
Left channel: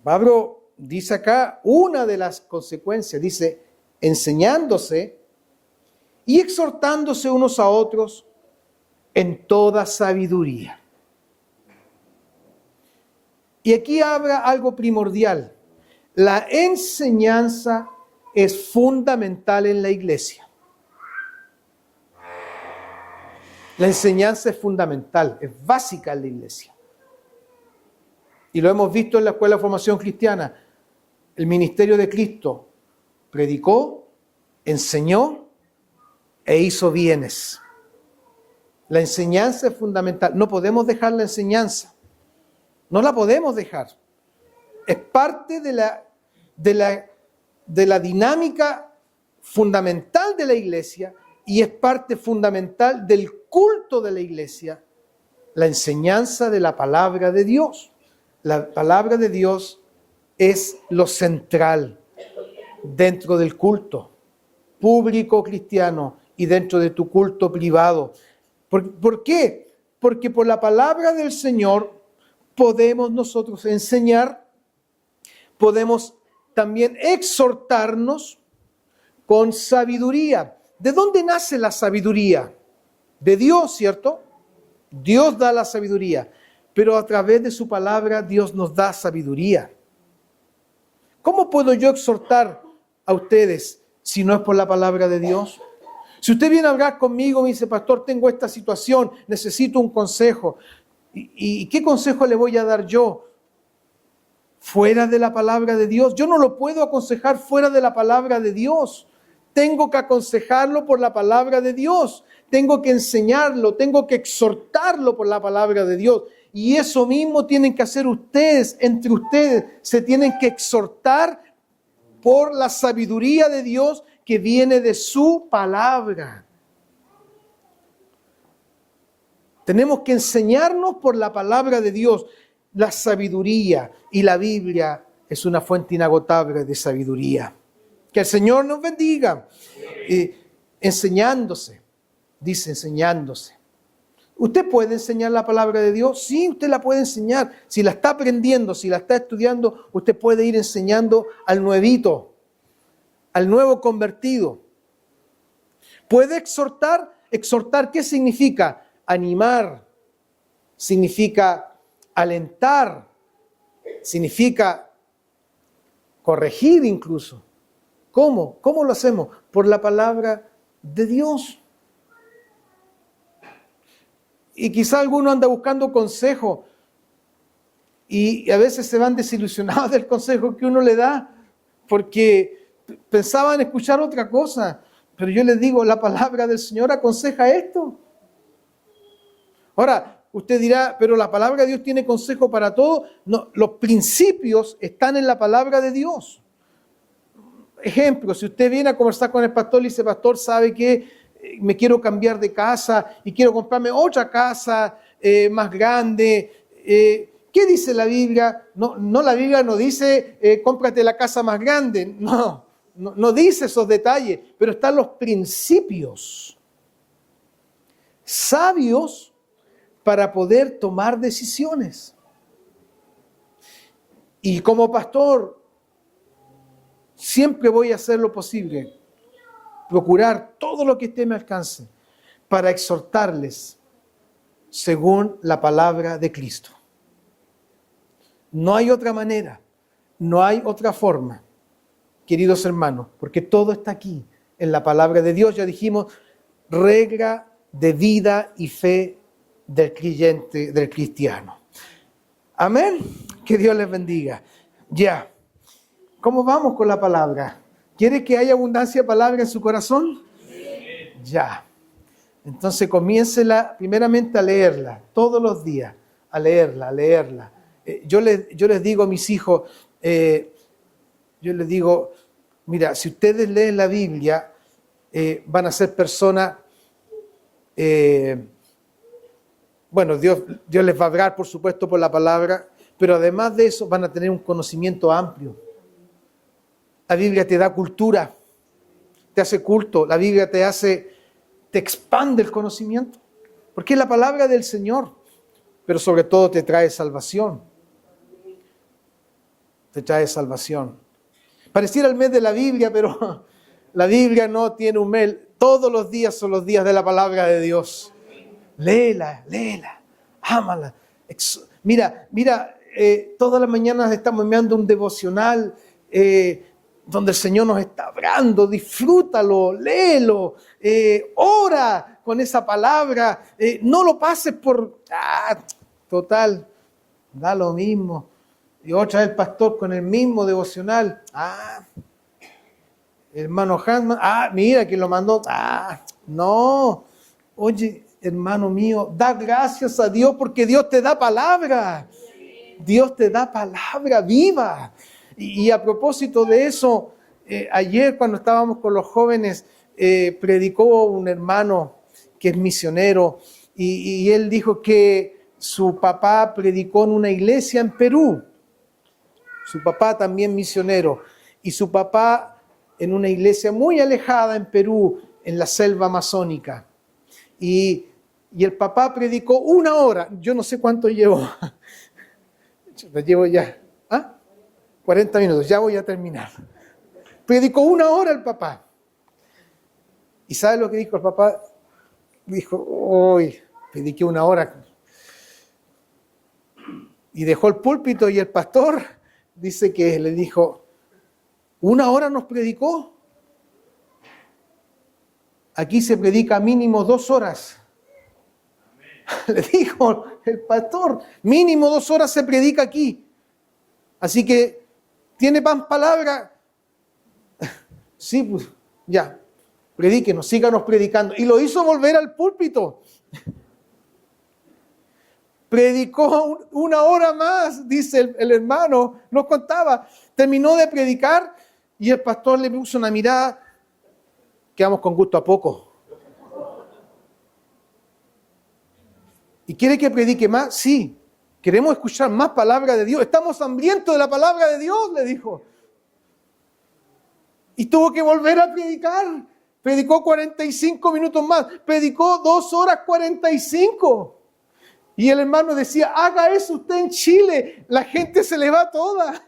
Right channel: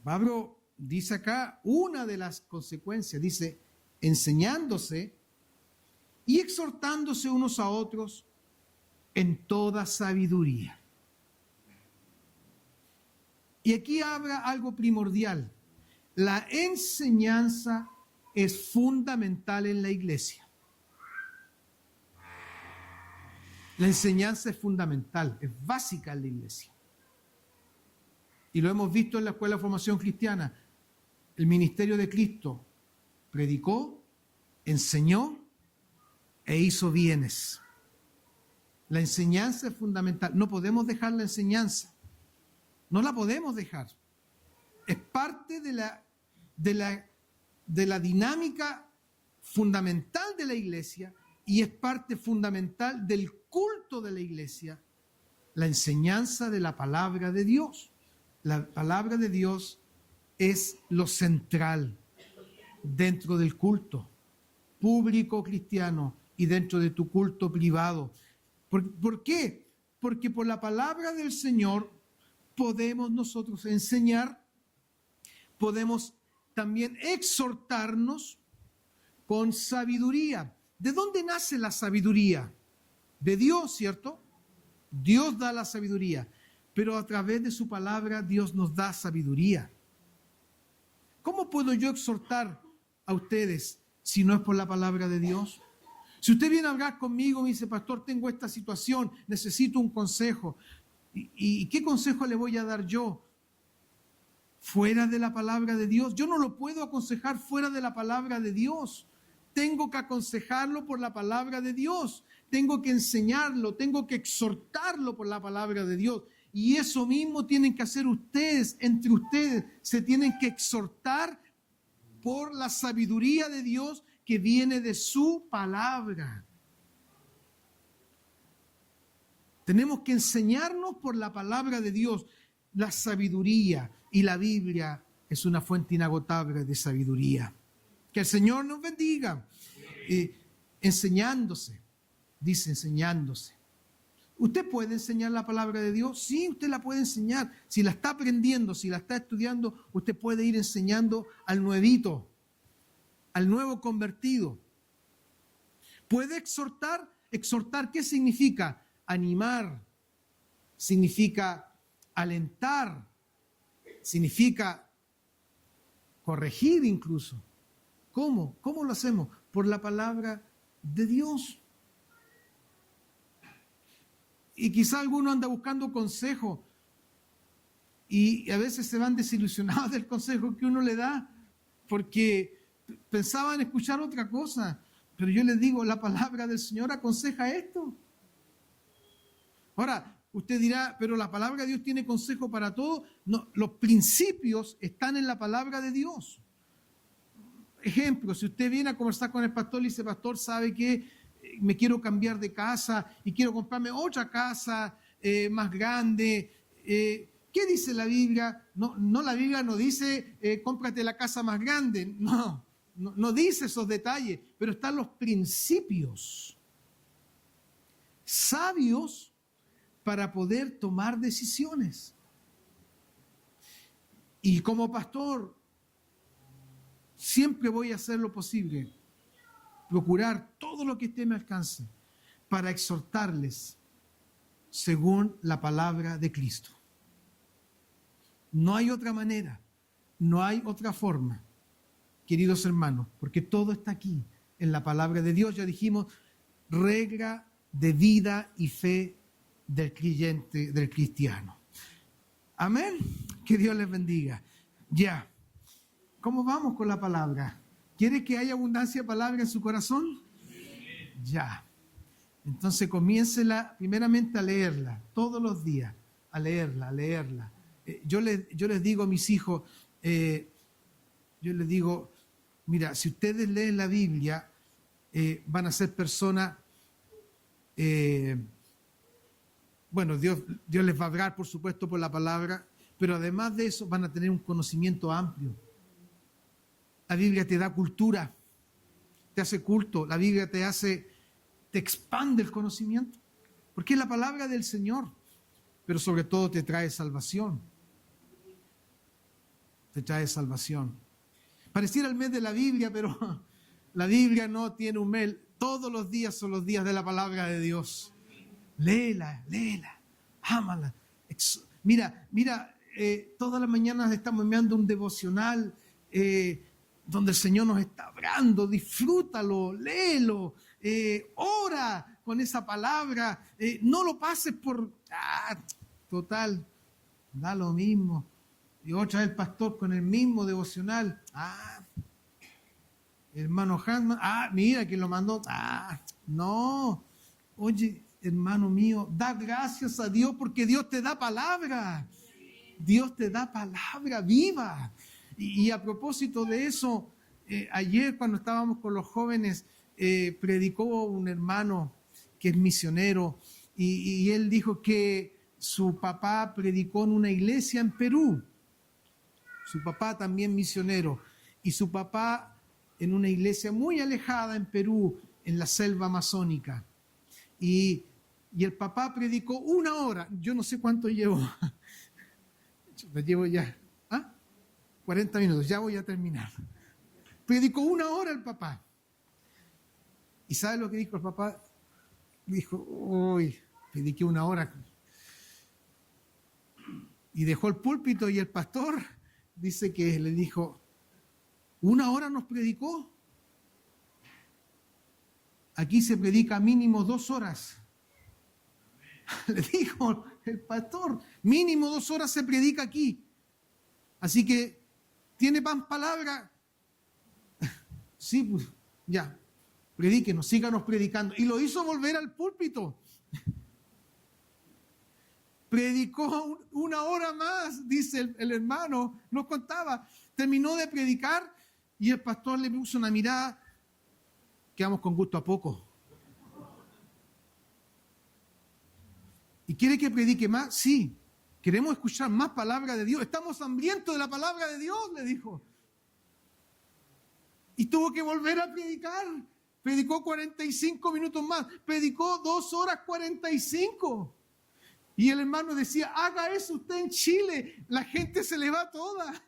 Pablo dice acá una de las consecuencias, dice, enseñándose y exhortándose unos a otros en toda sabiduría. Y aquí habrá algo primordial. La enseñanza es fundamental en la iglesia. La enseñanza es fundamental, es básica en la iglesia. Y lo hemos visto en la Escuela de Formación Cristiana. El ministerio de Cristo predicó, enseñó e hizo bienes. La enseñanza es fundamental. No podemos dejar la enseñanza. No la podemos dejar. Es parte de la dinámica fundamental de la iglesia y es parte fundamental del culto de la iglesia, la enseñanza de la palabra de Dios. La palabra de Dios es lo central dentro del culto público cristiano y dentro de tu culto privado. ¿Por qué? Porque por la palabra del Señor podemos nosotros enseñar, podemos también exhortarnos con sabiduría. ¿De dónde nace la sabiduría? De Dios, ¿cierto? Dios da la sabiduría, pero a través de su palabra Dios nos da sabiduría. ¿Cómo puedo yo exhortar a ustedes si no es por la palabra de Dios? Si usted viene a hablar conmigo, me dice, pastor, tengo esta situación, necesito un consejo. ¿Y qué consejo le voy a dar yo? ¿Fuera de la palabra de Dios? Yo no lo puedo aconsejar fuera de la palabra de Dios. Tengo que aconsejarlo por la palabra de Dios. Tengo que enseñarlo, tengo que exhortarlo por la palabra de Dios. Y eso mismo tienen que hacer ustedes, entre ustedes. Se tienen que exhortar por la sabiduría de Dios que viene de su palabra. Tenemos que enseñarnos por la palabra de Dios. La sabiduría y la Biblia es una fuente inagotable de sabiduría. Que el Señor nos bendiga. Enseñándose, dice enseñándose. ¿Usted puede enseñar la palabra de Dios? Sí, usted la puede enseñar. Si la está aprendiendo, si la está estudiando, usted puede ir enseñando al nuevito, al nuevo convertido. ¿Puede exhortar? ¿Exhortar qué significa? Animar, significa alentar, significa corregir incluso. ¿Cómo? ¿Cómo lo hacemos? Por la palabra de Dios. Y quizá alguno anda buscando consejo y a veces se van desilusionados del consejo que uno le da porque pensaban escuchar otra cosa. Pero yo les digo, la palabra del Señor aconseja esto. Ahora, usted dirá, pero la palabra de Dios tiene consejo para todo. No, los principios están en la palabra de Dios. Ejemplo, si usted viene a conversar con el pastor y dice, pastor, ¿sabe qué? Me quiero cambiar de casa y quiero comprarme otra casa más grande. ¿Qué dice la Biblia? No, la Biblia no dice, cómprate la casa más grande. No dice esos detalles, pero están los principios sabios para poder tomar decisiones. Y como pastor, siempre voy a hacer lo posible, procurar todo lo que esté a mi alcance para exhortarles según la palabra de Cristo. No hay otra manera, no hay otra forma. queridos hermanos, porque todo está aquí en la palabra de Dios. Ya dijimos, regla de vida y fe del creyente, del cristiano. Amén. Que Dios les bendiga. Ya. ¿Cómo vamos con la palabra? ¿Quiere que haya abundancia de palabra en su corazón? Ya. Entonces comiéncela primeramente a leerla, todos los días, a leerla. Yo les digo a mis hijos, yo les digo, mira, si ustedes leen la Biblia, van a ser personas, bueno, Dios les va a hablar, por supuesto, por la palabra, pero además de eso van a tener un conocimiento amplio. La Biblia te da cultura, te hace culto, la Biblia te expande el conocimiento, porque es la palabra del Señor, pero sobre todo te trae salvación. Te trae salvación. Pareciera el mes de la Biblia, pero la Biblia no tiene un mes. Todos los días son los días de la palabra de Dios. Léela, ámala. Mira, todas las mañanas estamos enviando un devocional donde el Señor nos está hablando. Disfrútalo, léelo, ora con esa palabra. No lo pases por, total, da lo mismo. Y otra vez el pastor con el mismo devocional. Hermano Hansman, mira quién lo mandó. No. Oye, hermano mío, da gracias a Dios porque Dios te da palabra. Dios te da palabra viva. Y a propósito de eso, ayer cuando estábamos con los jóvenes, predicó un hermano que es misionero y él dijo que su papá predicó en una iglesia en Perú. Su papá también misionero. Y su papá en una iglesia muy alejada en Perú, en la selva amazónica. Y el papá predicó 1 hora. Yo no sé cuánto llevo. Llevo ya 40 minutos. Ya voy a terminar. Predicó 1 hora el papá. ¿Y sabe lo que dijo el papá? Dijo, hoy prediqué 1 hora. Y dejó el púlpito y el pastor dice que le dijo, 1 hora nos predicó. Aquí se predica mínimo 2 horas. Le dijo el pastor, mínimo 2 horas se predica aquí. Así que, ¿tiene más palabra? Sí, pues ya, predíquenos, síganos predicando. Y lo hizo volver al púlpito. Predicó 1 hora más, dice el hermano, nos contaba. Terminó de predicar y el pastor le puso una mirada, quedamos con gusto a poco. ¿Y quiere que predique más? Sí. Queremos escuchar más palabra de Dios. Estamos hambrientos de la palabra de Dios, le dijo. Y tuvo que volver a predicar. Predicó 45 minutos más. Predicó 2 horas 45. Y el hermano decía, haga eso usted en Chile. La gente se le va toda.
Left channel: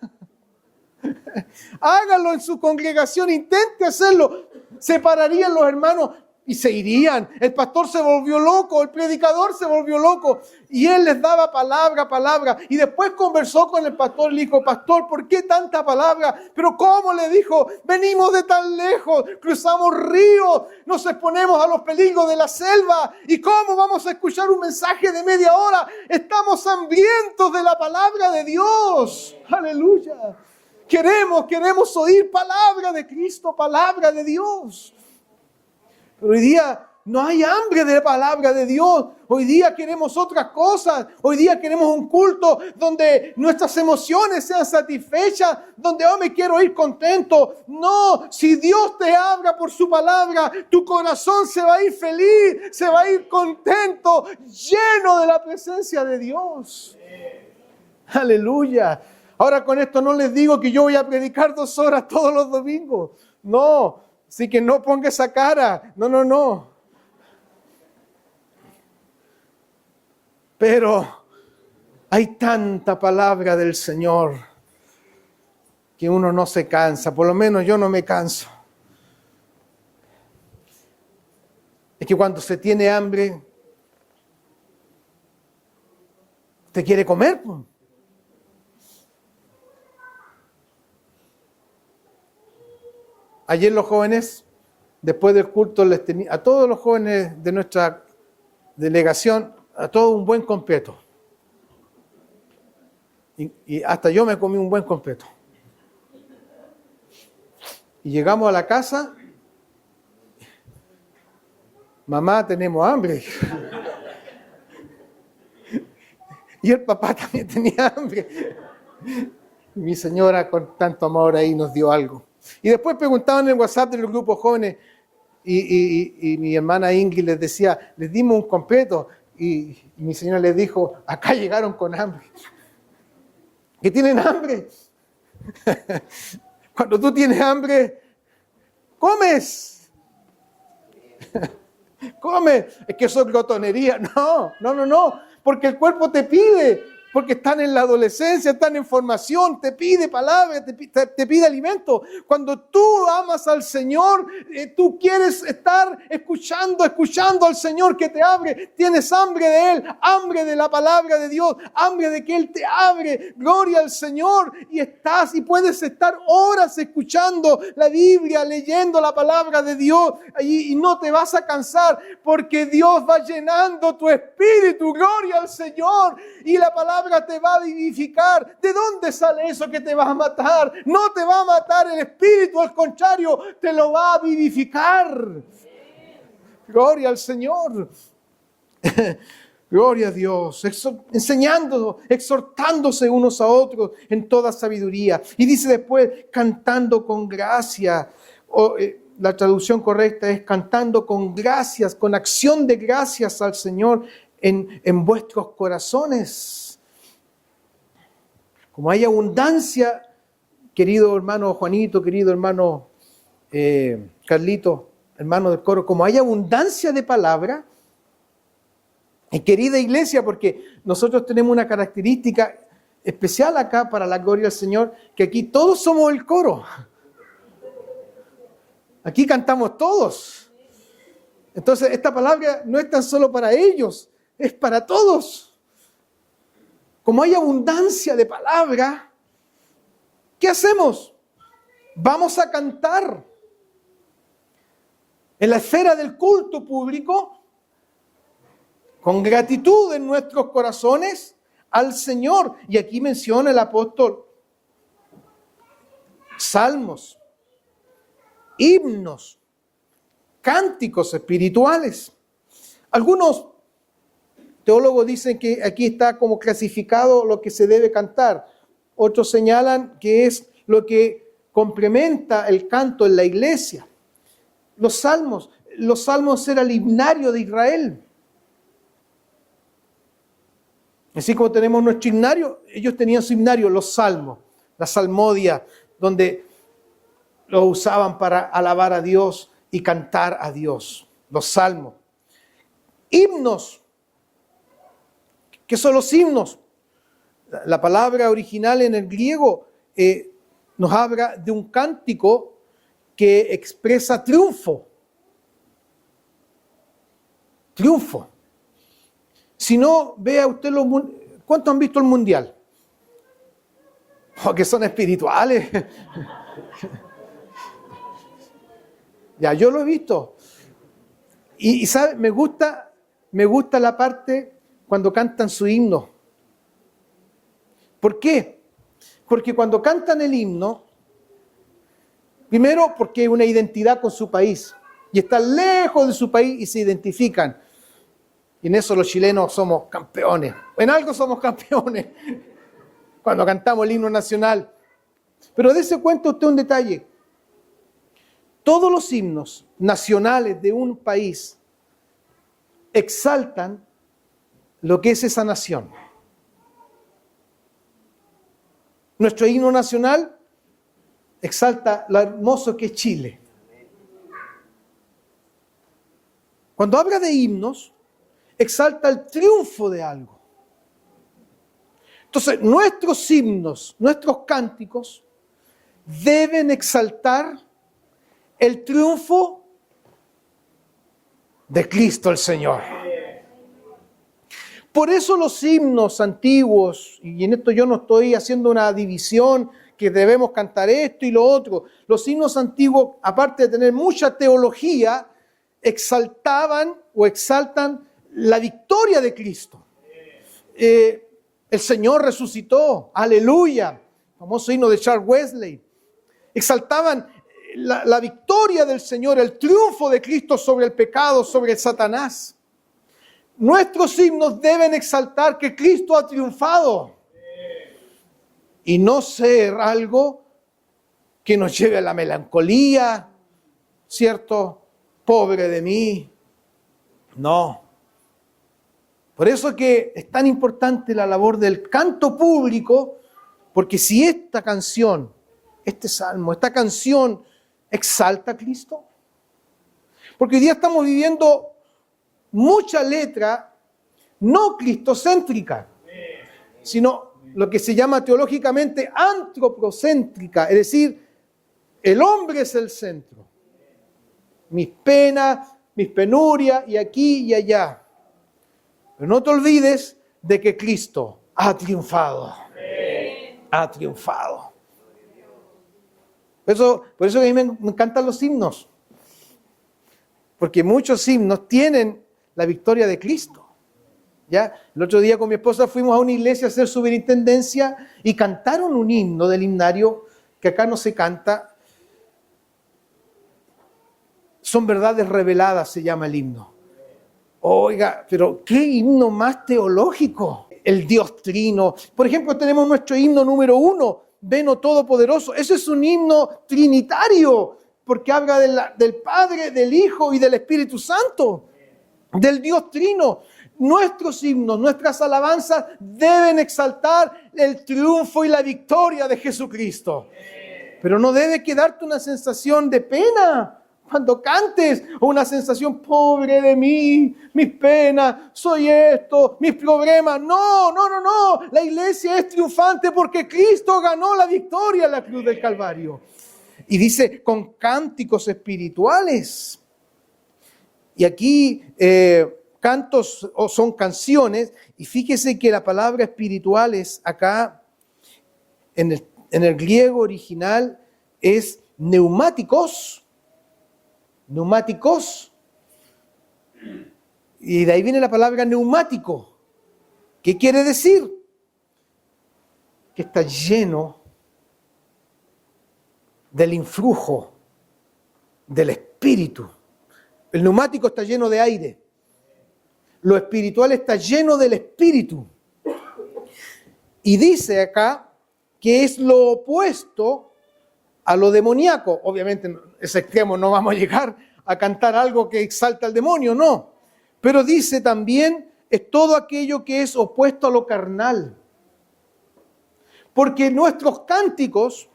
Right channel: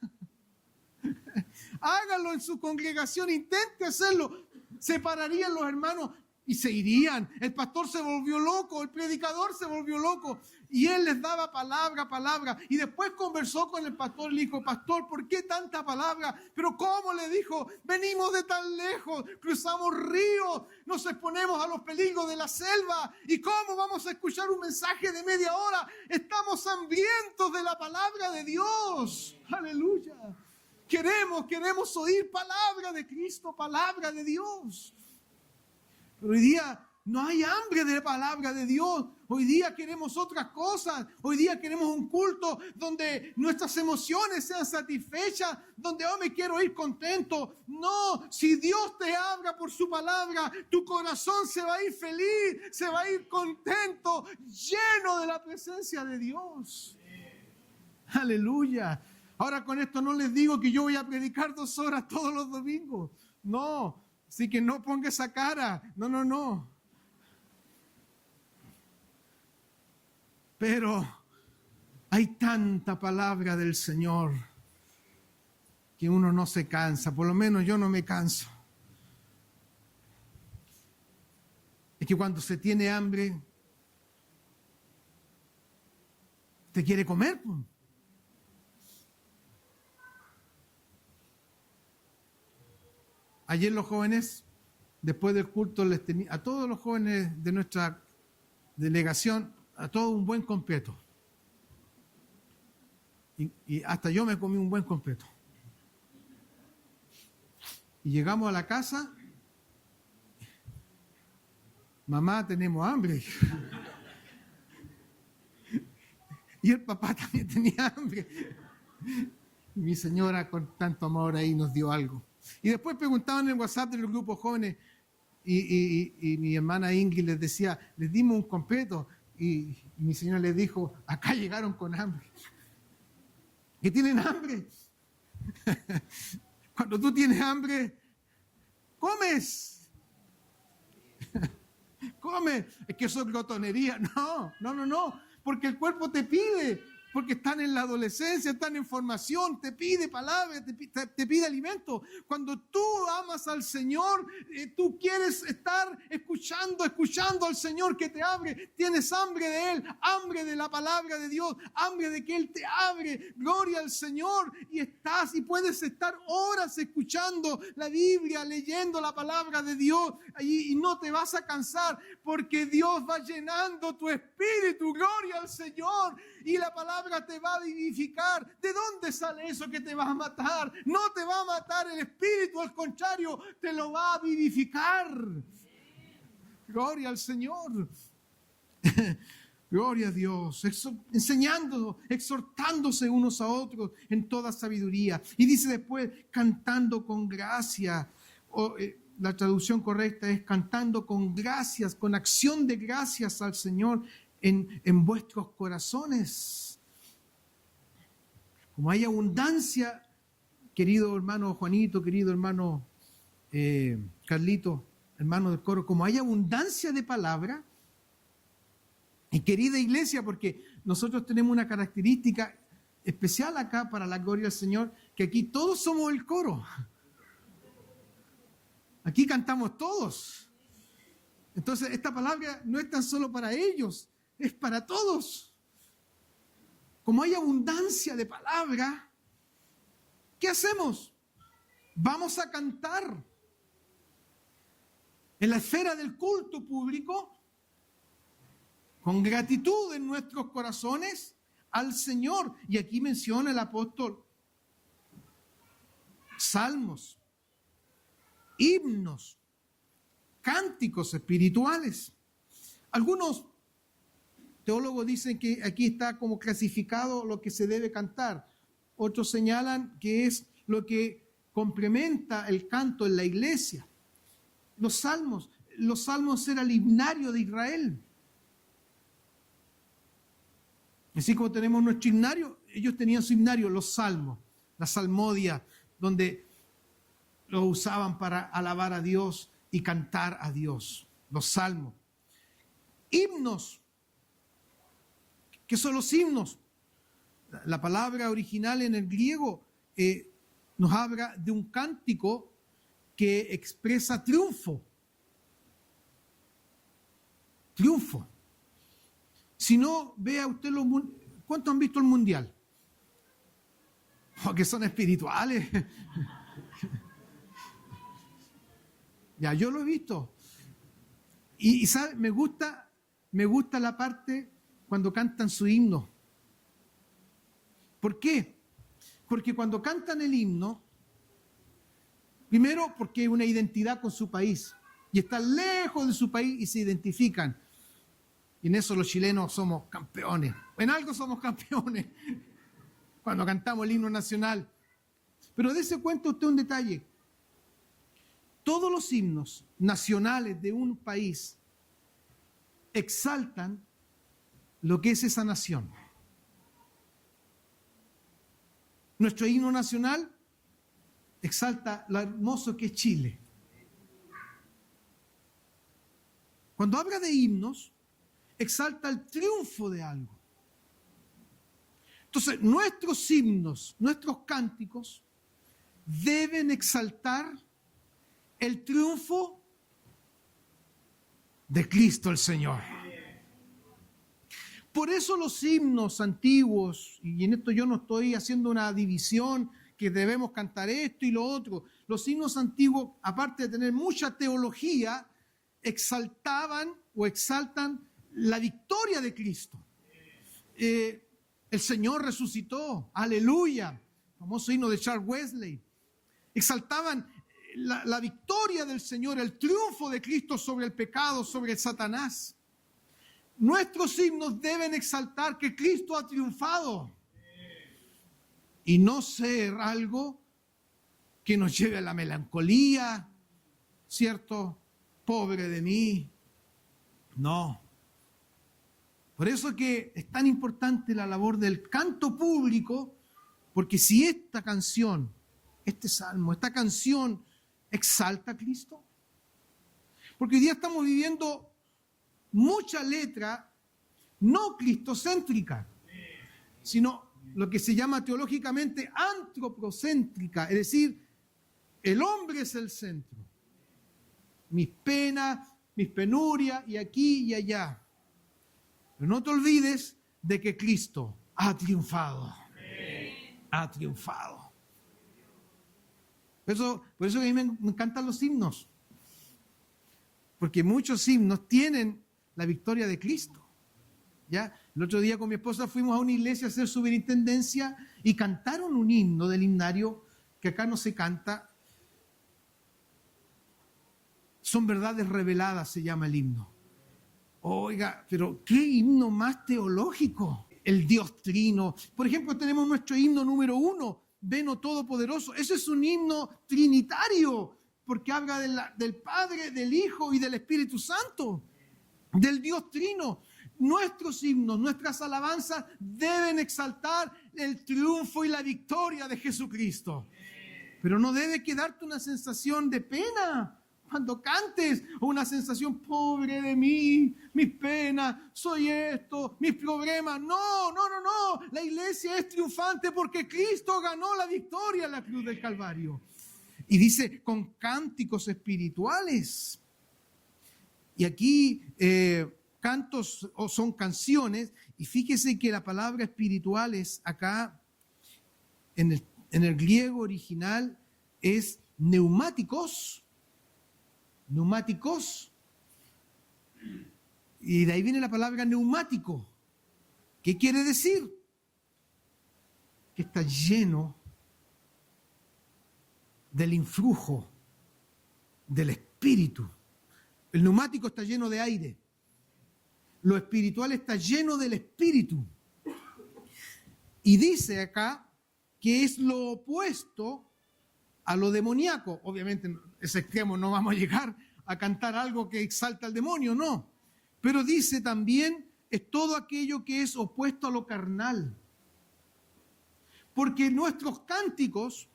Hágalo en su congregación. Intente hacerlo. Se pararían los hermanos y se irían. El pastor se volvió loco, el predicador se volvió loco y él les daba palabra. Y después conversó con el pastor y le dijo, pastor, ¿por qué tanta palabra? Pero ¿cómo? Le dijo, venimos de tan lejos, cruzamos ríos, nos exponemos a los peligros de la selva. ¿Y cómo vamos a escuchar un mensaje de media hora? Estamos hambrientos de la palabra de Dios. Aleluya. Queremos oír palabra de Cristo, palabra de Dios. Pero hoy día no hay hambre de la palabra de Dios. Hoy día queremos otras cosas. Hoy día queremos un culto donde nuestras emociones sean satisfechas, donde me quiero ir contento. No, si Dios te habla por su palabra, tu corazón se va a ir feliz, se va a ir contento, lleno de la presencia de Dios. Aleluya. Ahora con esto no les digo que yo voy a predicar 2 horas todos los domingos. No. Así que no ponga esa cara. No. Pero hay tanta palabra del Señor que uno no se cansa. Por lo menos yo no me canso. Es que cuando se tiene hambre, ¿te quiere comer? Ayer los jóvenes, después del culto, a todos los jóvenes de nuestra delegación, a todos un buen completo. Y hasta yo me comí un buen completo. Y llegamos a la casa, mamá, tenemos hambre. Y el papá también tenía hambre. Y mi señora con tanto amor ahí nos dio algo. Y después preguntaban en el WhatsApp de los grupos jóvenes y mi hermana Ingrid les decía, les dimos un completo. Y mi señora les dijo, acá llegaron con hambre. ¿Que tienen hambre? Cuando tú tienes hambre, comes. Come. Es que eso es glotonería. No. Porque el cuerpo te pide. Porque están en la adolescencia, están en formación, te pide palabras, te pide alimento. Cuando tú amas al Señor, tú quieres estar escuchando al Señor que te abre. Tienes hambre de Él, hambre de la palabra de Dios, hambre de que Él te abre. Gloria al Señor. Y puedes estar horas escuchando la Biblia, leyendo la palabra de Dios. Y no te vas a cansar porque Dios va llenando tu espíritu. Gloria al Señor. Y la palabra te va a vivificar. ¿De dónde sale eso que te va a matar? No te va a matar el espíritu, al contrario, te lo va a vivificar. Gloria al Señor. Gloria a Dios. Exhortándose unos a otros en toda sabiduría. Y dice después, cantando con gracia. La traducción correcta es cantando con gracias, con acción de gracias al Señor en vuestros corazones. Como hay abundancia, querido hermano Juanito, querido hermano Carlito, hermano del coro, como hay abundancia de palabra, y querida iglesia, porque nosotros tenemos una característica especial acá para la gloria del Señor, que aquí todos somos el coro. Aquí cantamos todos. Entonces esta palabra no es tan solo para ellos, es para todos. Como hay abundancia de palabra, ¿qué hacemos? Vamos a cantar en la esfera del culto público, con gratitud en nuestros corazones al Señor. Y aquí menciona el apóstol salmos, himnos, cánticos espirituales. Algunos teólogos dicen que aquí está como clasificado lo que se debe cantar. Otros señalan que es lo que complementa el canto en la iglesia. Los salmos era el himnario de Israel. Así como tenemos nuestro himnario, ellos tenían su himnario, los salmos, la salmodia, donde lo usaban para alabar a Dios y cantar a Dios. Los salmos. Himnos. ¿Qué son los himnos? La palabra original en el griego nos habla de un cántico que expresa triunfo. Triunfo. Si no, vea usted ¿cuántos han visto el mundial? Oh, que son espirituales. Ya, yo lo he visto. Y ¿sabe? Me gusta la parte cuando cantan su himno. ¿Por qué? Porque cuando cantan el himno, primero porque hay una identidad con su país y están lejos de su país y se identifican. Y en eso los chilenos somos campeones. En algo somos campeones cuando cantamos el himno nacional. Pero dése cuenta usted un detalle. Todos los himnos nacionales de un país exaltan lo que es esa nación. Nuestro himno nacional exalta lo hermoso que es Chile. Cuando habla de himnos, exalta el triunfo de algo. Entonces, nuestros himnos, nuestros cánticos, deben exaltar el triunfo de Cristo el Señor. Por eso los himnos antiguos, y en esto yo no estoy haciendo una división que debemos cantar esto y lo otro. Los himnos antiguos, aparte de tener mucha teología, exaltaban o exaltan la victoria de Cristo. El Señor resucitó, aleluya, famoso himno de Charles Wesley. Exaltaban la victoria del Señor, el triunfo de Cristo sobre el pecado, sobre el Satanás. Nuestros himnos deben exaltar que Cristo ha triunfado y no ser algo que nos lleve a la melancolía, ¿cierto? Pobre de mí. No. Por eso que es tan importante la labor del canto público, porque si esta canción, este salmo, esta canción exalta a Cristo, porque hoy día estamos viviendo mucha letra no cristocéntrica, sino lo que se llama teológicamente antropocéntrica, es decir, el hombre es el centro. Mis penas, mis penurias, y aquí y allá. Pero no te olvides de que Cristo ha triunfado. Ha triunfado. Por eso que a mí me encantan los himnos. Porque muchos himnos tienen la victoria de Cristo. ¿Ya? El otro día con mi esposa fuimos a una iglesia a hacer superintendencia y cantaron un himno del himnario que acá no se canta. Son verdades reveladas, se llama el himno. Oiga, pero qué himno más teológico. El Dios Trino. Por ejemplo, tenemos nuestro himno número 1, Ven, oh Todopoderoso. Ese es un himno trinitario, porque habla del Padre, del Hijo y del Espíritu Santo, del Dios Trino. Nuestros himnos, nuestras alabanzas deben exaltar el triunfo y la victoria de Jesucristo. Pero no debe quedarte una sensación de pena cuando cantes, o una sensación, pobre de mí, mis penas, soy esto, mis problemas. No. La iglesia es triunfante porque Cristo ganó la victoria en la cruz del Calvario. Y dice, con cánticos espirituales. Y aquí cantos o son canciones, y fíjese que la palabra espirituales acá, en el griego original, es neumáticos. Neumáticos. Y de ahí viene la palabra neumático. ¿Qué quiere decir? Que está lleno del influjo del Espíritu. El neumático está lleno de aire. Lo espiritual está lleno del Espíritu. Y dice acá que es lo opuesto a lo demoníaco. Obviamente, en ese extremo no vamos a llegar a cantar algo que exalta al demonio, no. Pero dice también, es todo aquello que es opuesto a lo carnal. Porque nuestros cánticos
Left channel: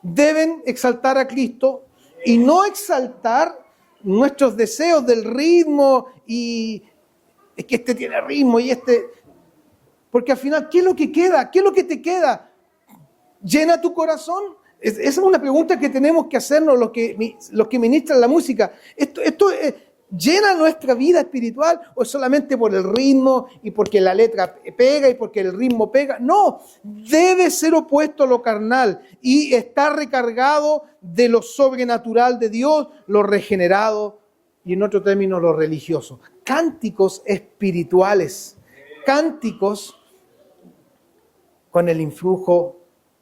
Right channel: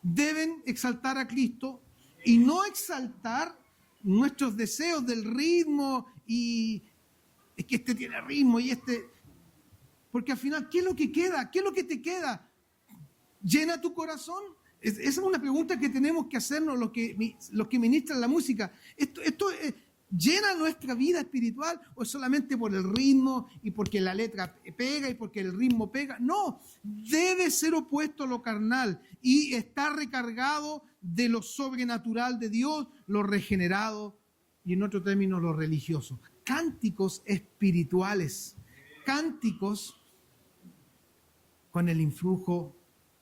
deben exaltar a Cristo y no exaltar nuestros deseos del ritmo, y es que este tiene ritmo y este... Porque al final, ¿qué es lo que queda? ¿Qué es lo que te queda? ¿Llena tu corazón? Esa es una pregunta que tenemos que hacernos los que ministran la música. ¿Esto llena nuestra vida espiritual o es solamente por el ritmo y porque la letra pega y porque el ritmo pega? No, debe ser opuesto a lo carnal y estar recargado de lo sobrenatural de Dios, lo regenerado y en otro término lo religioso. Cánticos espirituales, cánticos con el influjo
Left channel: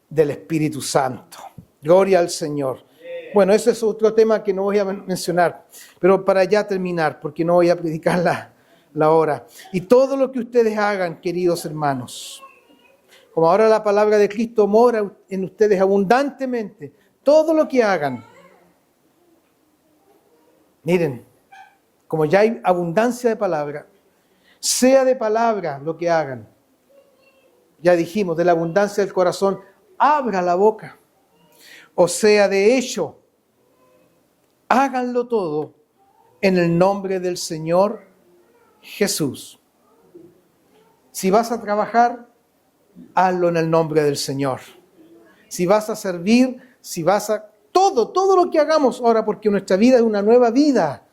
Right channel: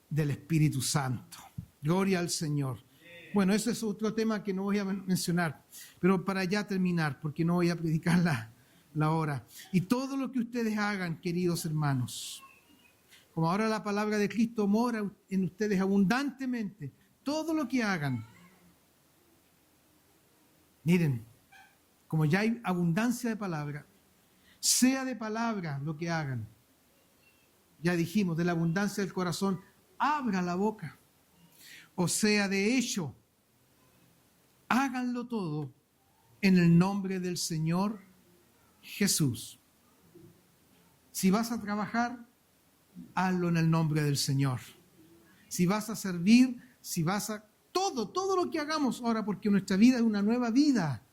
del Espíritu Santo. Gloria al Señor. Bueno, ese es otro tema que no voy a mencionar, pero para ya terminar, porque no voy a predicar la hora. Y todo lo que ustedes hagan, queridos hermanos, como ahora la palabra de Cristo mora en ustedes abundantemente, todo lo que hagan, miren, como ya hay abundancia de palabra, sea de palabra lo que hagan. Ya dijimos, de la abundancia del corazón, abra la boca. O sea, de hecho, háganlo todo en el nombre del Señor Jesús. Si vas a trabajar, hazlo en el nombre del Señor. Si vas a servir, si vas a... Todo lo que hagamos ahora, porque nuestra vida es una nueva vida.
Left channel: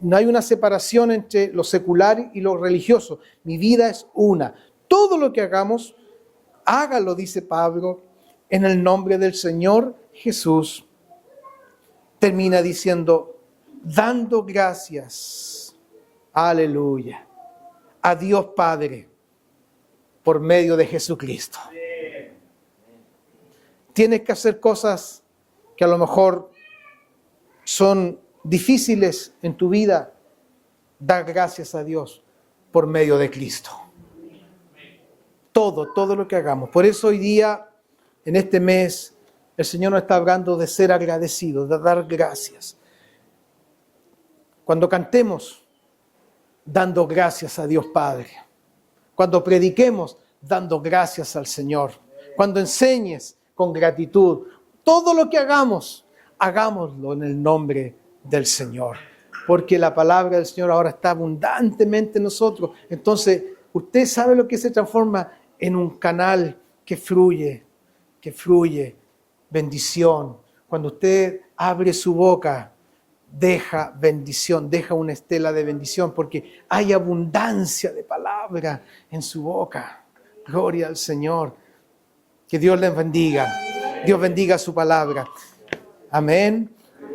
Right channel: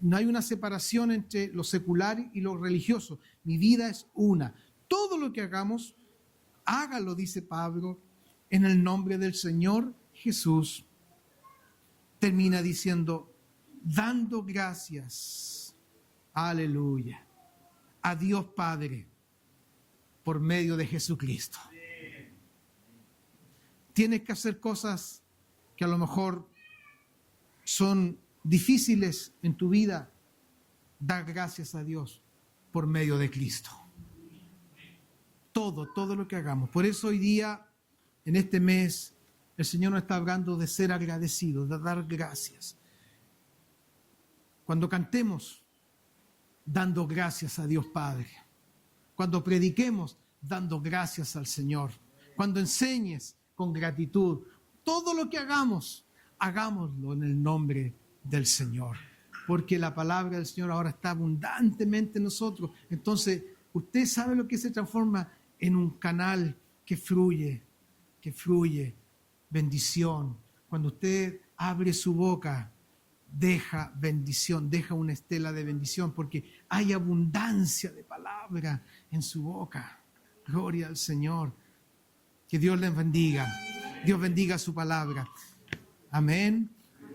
No hay una separación entre lo secular y lo religioso. Mi vida es una. Todo lo que hagamos, hágalo, dice Pablo, en el nombre del Señor Jesús. Termina diciendo, dando gracias, aleluya, a Dios Padre por medio de Jesucristo. Tienes que hacer cosas que a lo mejor son difíciles en tu vida. Dar gracias a Dios por medio de Cristo. Todo lo que hagamos. Por eso hoy día, en este mes, el Señor nos está hablando de ser agradecidos, de dar gracias. Cuando cantemos, dando gracias a Dios Padre. Cuando prediquemos, dando gracias al Señor. Cuando enseñes, con gratitud. Todo lo que hagamos, hagámoslo en el nombre del Señor. Porque la palabra del Señor ahora está abundantemente en nosotros. Entonces, usted sabe lo que se transforma en un canal que fluye bendición. Cuando usted abre su boca, deja bendición, deja una estela de bendición, porque hay abundancia de palabra en su boca. Gloria al Señor. Que Dios les bendiga. Dios bendiga su palabra. Amén.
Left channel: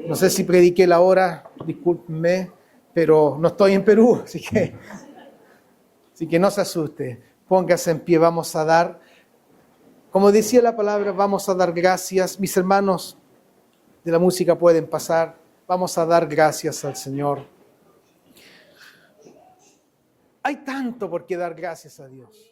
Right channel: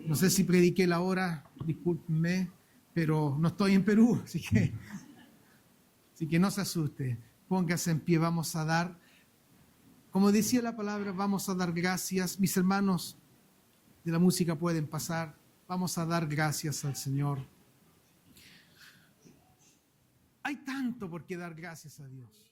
No sé si prediqué la hora, discúlpenme, pero no estoy en Perú, así que no se asuste. Póngase en pie, vamos a dar, como decía la palabra, vamos a dar gracias. Mis hermanos de la música pueden pasar. Vamos a dar gracias al Señor. Hay tanto por qué dar gracias a Dios.